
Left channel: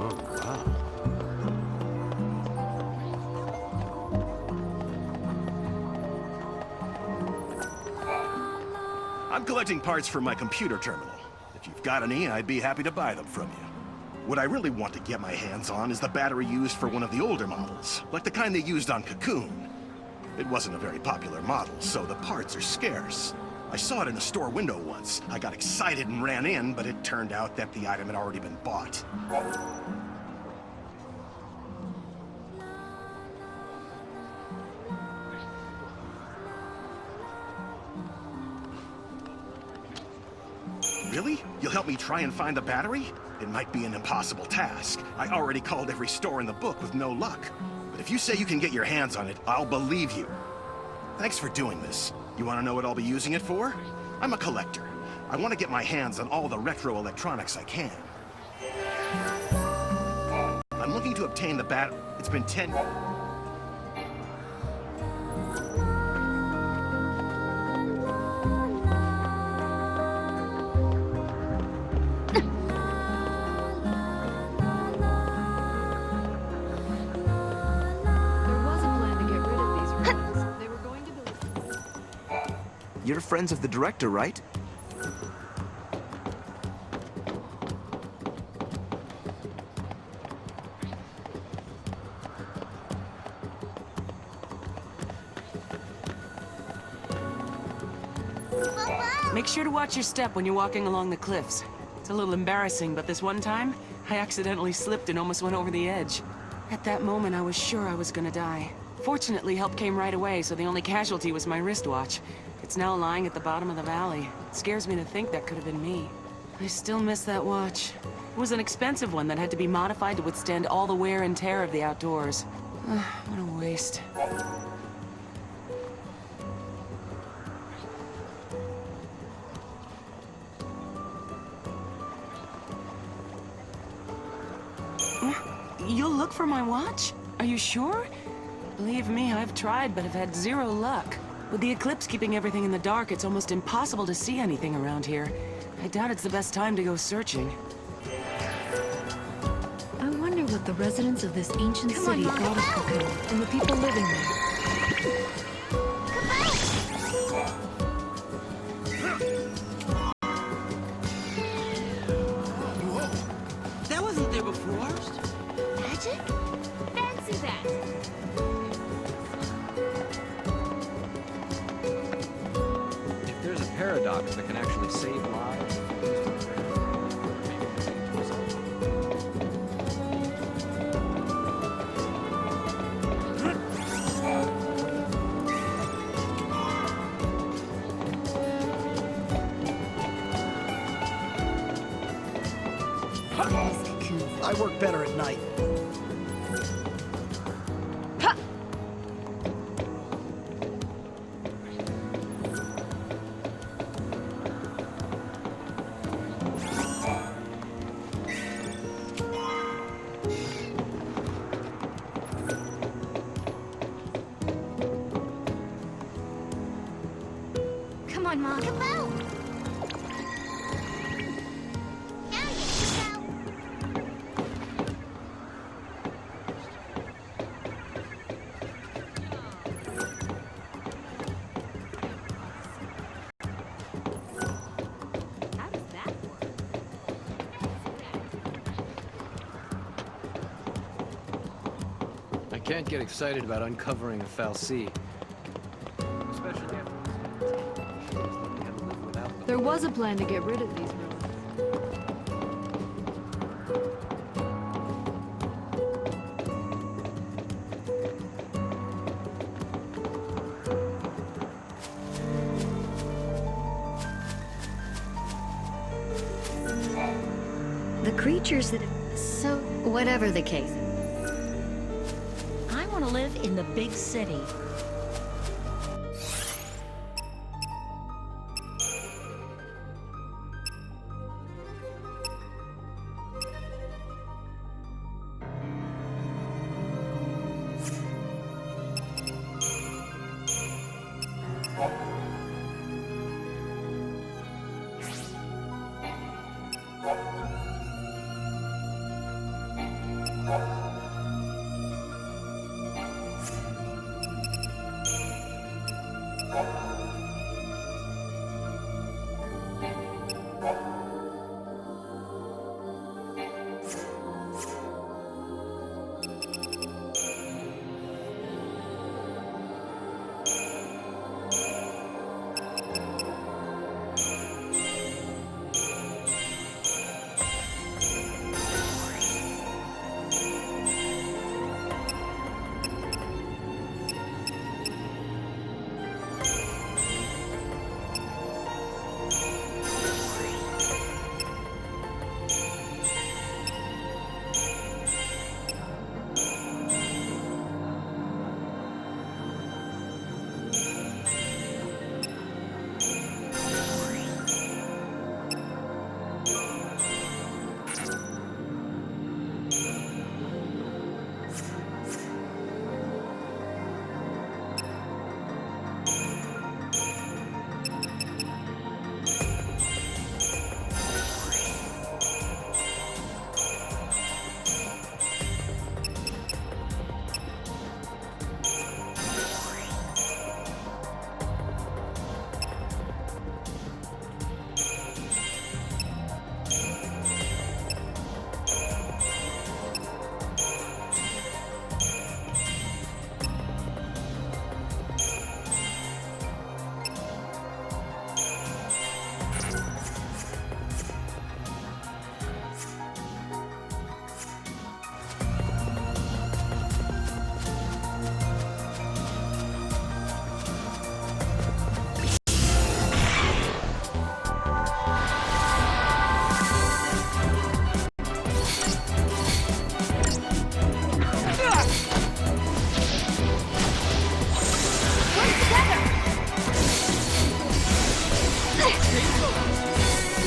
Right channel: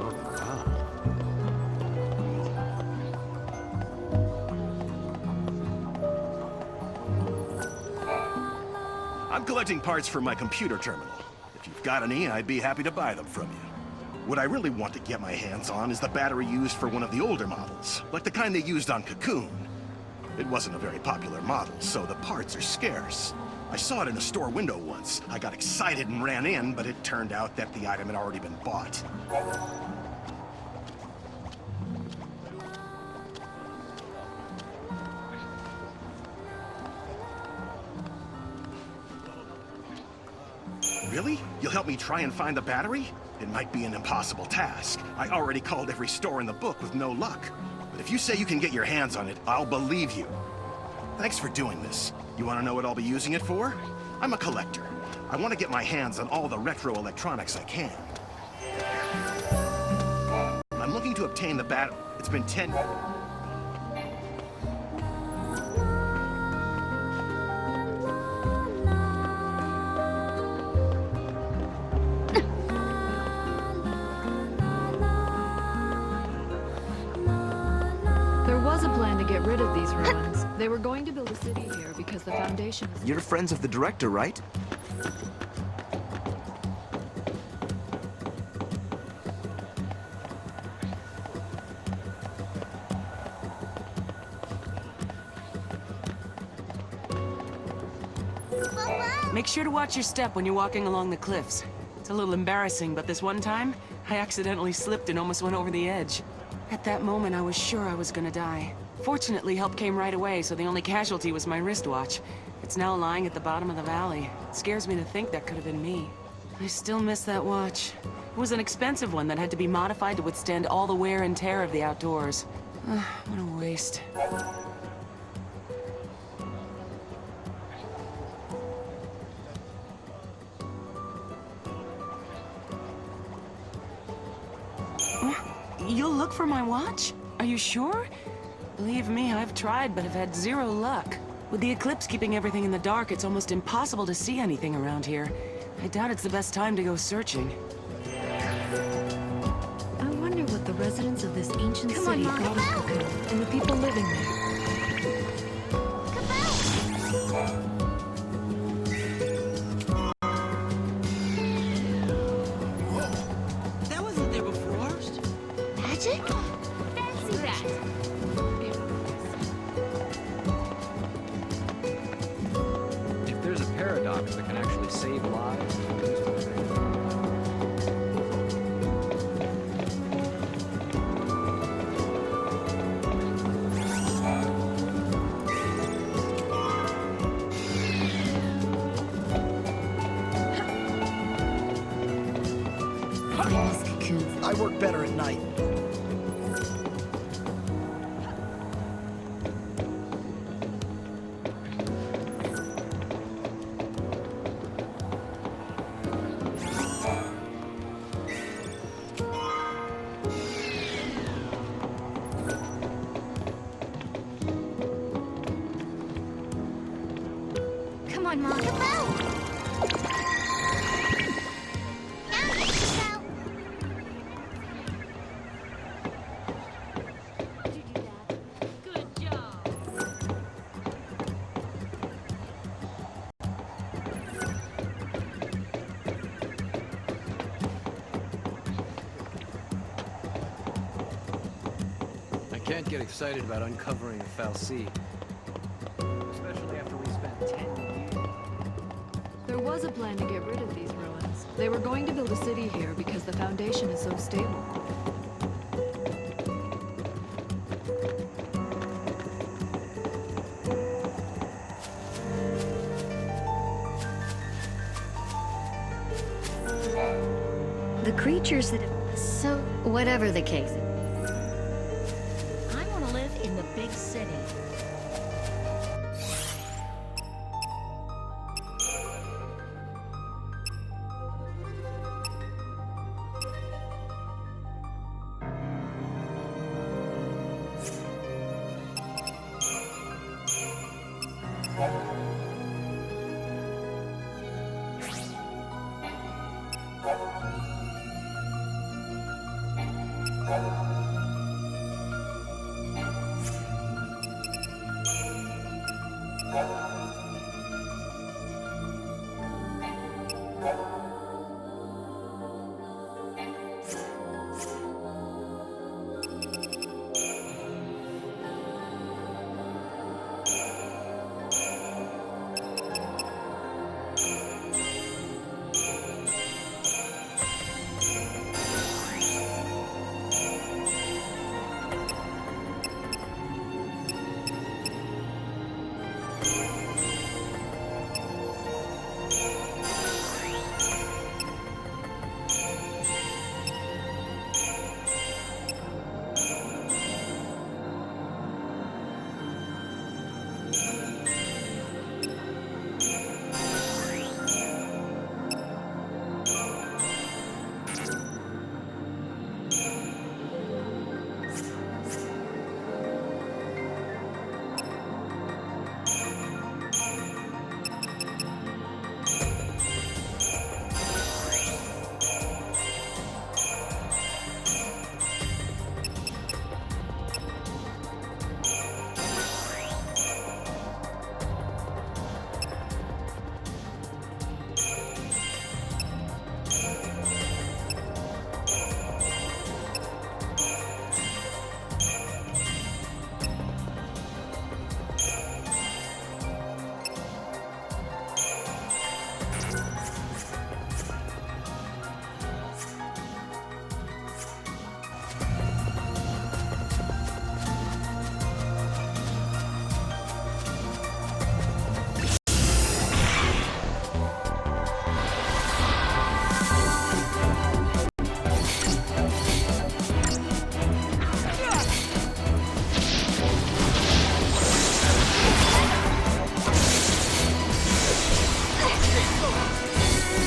Oh, wow. I'm collecting parts for my computer terminal. If you've got any, I'd be happy to buy them from you. What I really want to get my hands on is the battery used for one of the older models, like the kind they used on Cocoon. It wasn't a very popular model, so the parts are scarce. I saw it in a store window once. I got excited and ran in, but it turned out that the item had already been bought. Really? You'll help me try and find the battery? It might be an impossible task. I already called every store in the book with no luck. But if you say you can get your hands on it, I'll believe you. Thanks for doing this. You want to know what I'll be using it for? I'm a collector. I want to get my hands on all the retro electronics I can. I'm looking to obtain the It's been 10... You're friends of the director, right? Make sure to watch your step when you're walking along the cliffs. It's a little embarrassing, but this one time, I accidentally slipped and almost went over the edge. At that moment, I was sure I was gonna die. Fortunately, help came right away, so the only casualty was my wristwatch. It's now lying at the bottom of the valley. It scares me to think that could have been me. I still miss that watch. It was an expensive one that had to be modified to withstand all the wear and tear of the outdoors. What a waste. You'll look for my watch? Are you sure? Believe me, I've tried, but have had zero luck. With the eclipse keeping everything in the dark, it's almost impossible to see anything around here. I doubt it's the best time to go searching. I wonder what the residents of this ancient city thought of Cocoon and the people living there. That wasn't there before. Magic? Fancy that. If there's a paradox that can actually save lives, I work better at night. Come on, Mom. I can't get excited about uncovering a fal'Cie. Especially after we spent 10 years looking at them without... There was a plan to get rid of these ruins. They were going to build a city here because the foundation is so stable. The creatures that have... So, whatever the case. I want to live in the big city.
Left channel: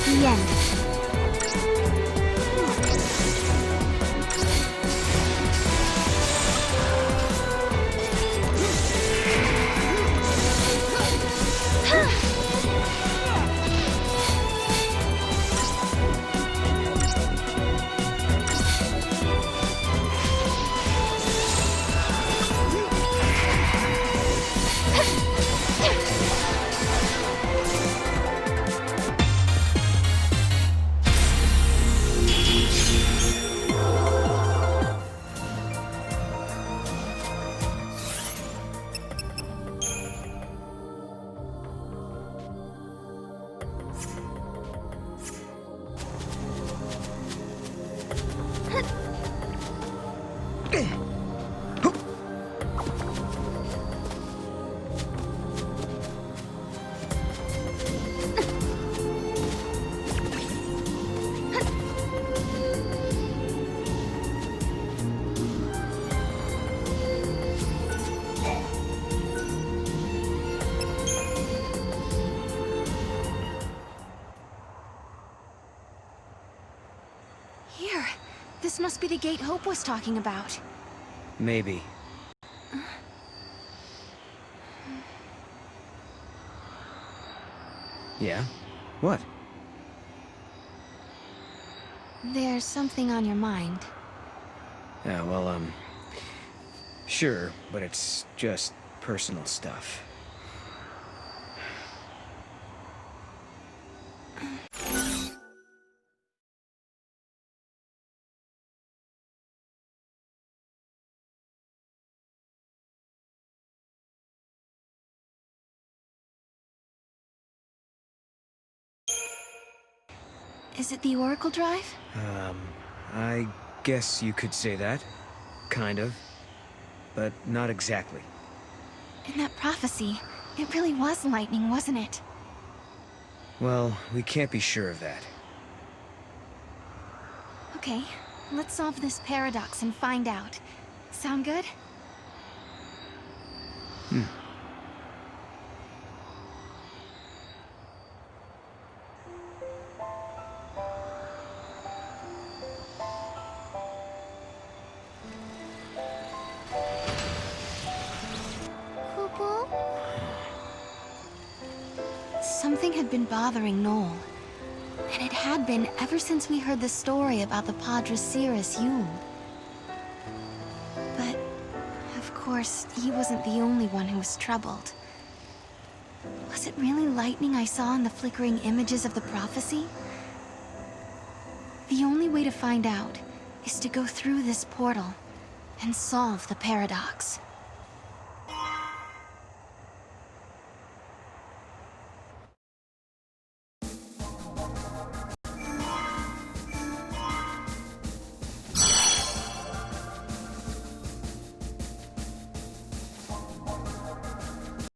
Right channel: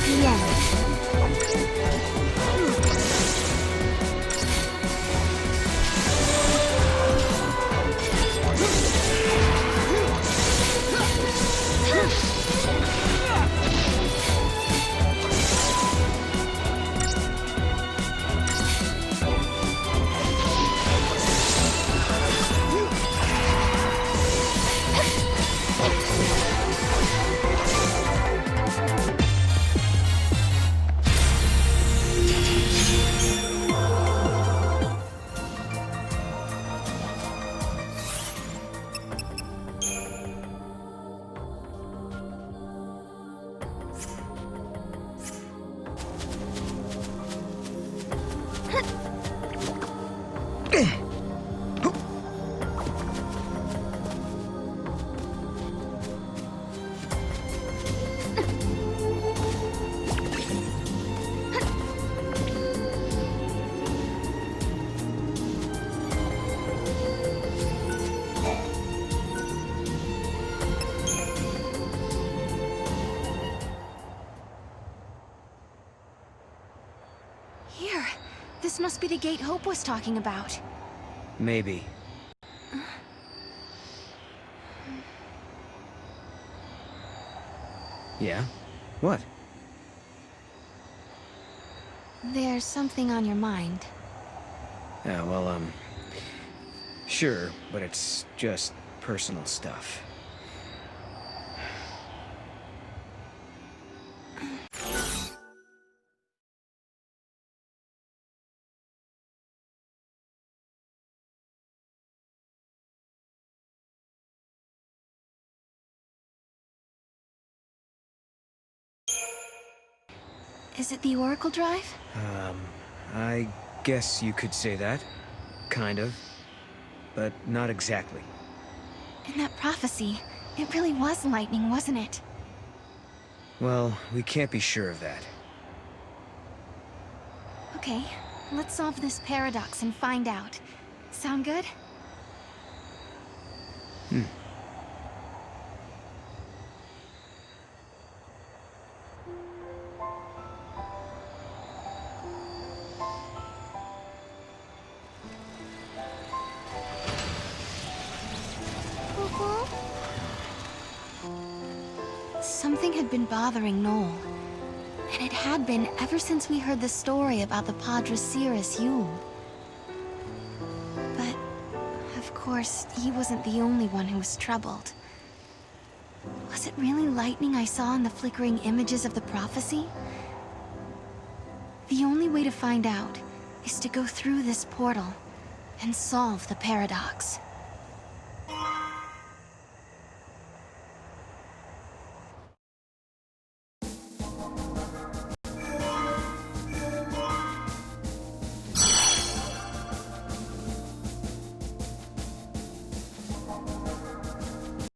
The end. Here. This must be the gate Hope was talking about. Maybe. Yeah? What? There's something on your mind. Yeah, well, sure, but it's just personal stuff. Is it the Oracle Drive? I guess you could say that. Kind of. But not exactly. In that prophecy, it really was lightning, wasn't it? Well, we can't be sure of that. Okay, let's solve this paradox and find out. Sound good? Something had been bothering Noel. And it had been ever since we heard the story about the Padre Cirrus Yule. But, of course, he wasn't the only one who was troubled. Was it really lightning I saw in the flickering images of the prophecy? The only way to find out is to go through this portal and solve the paradox.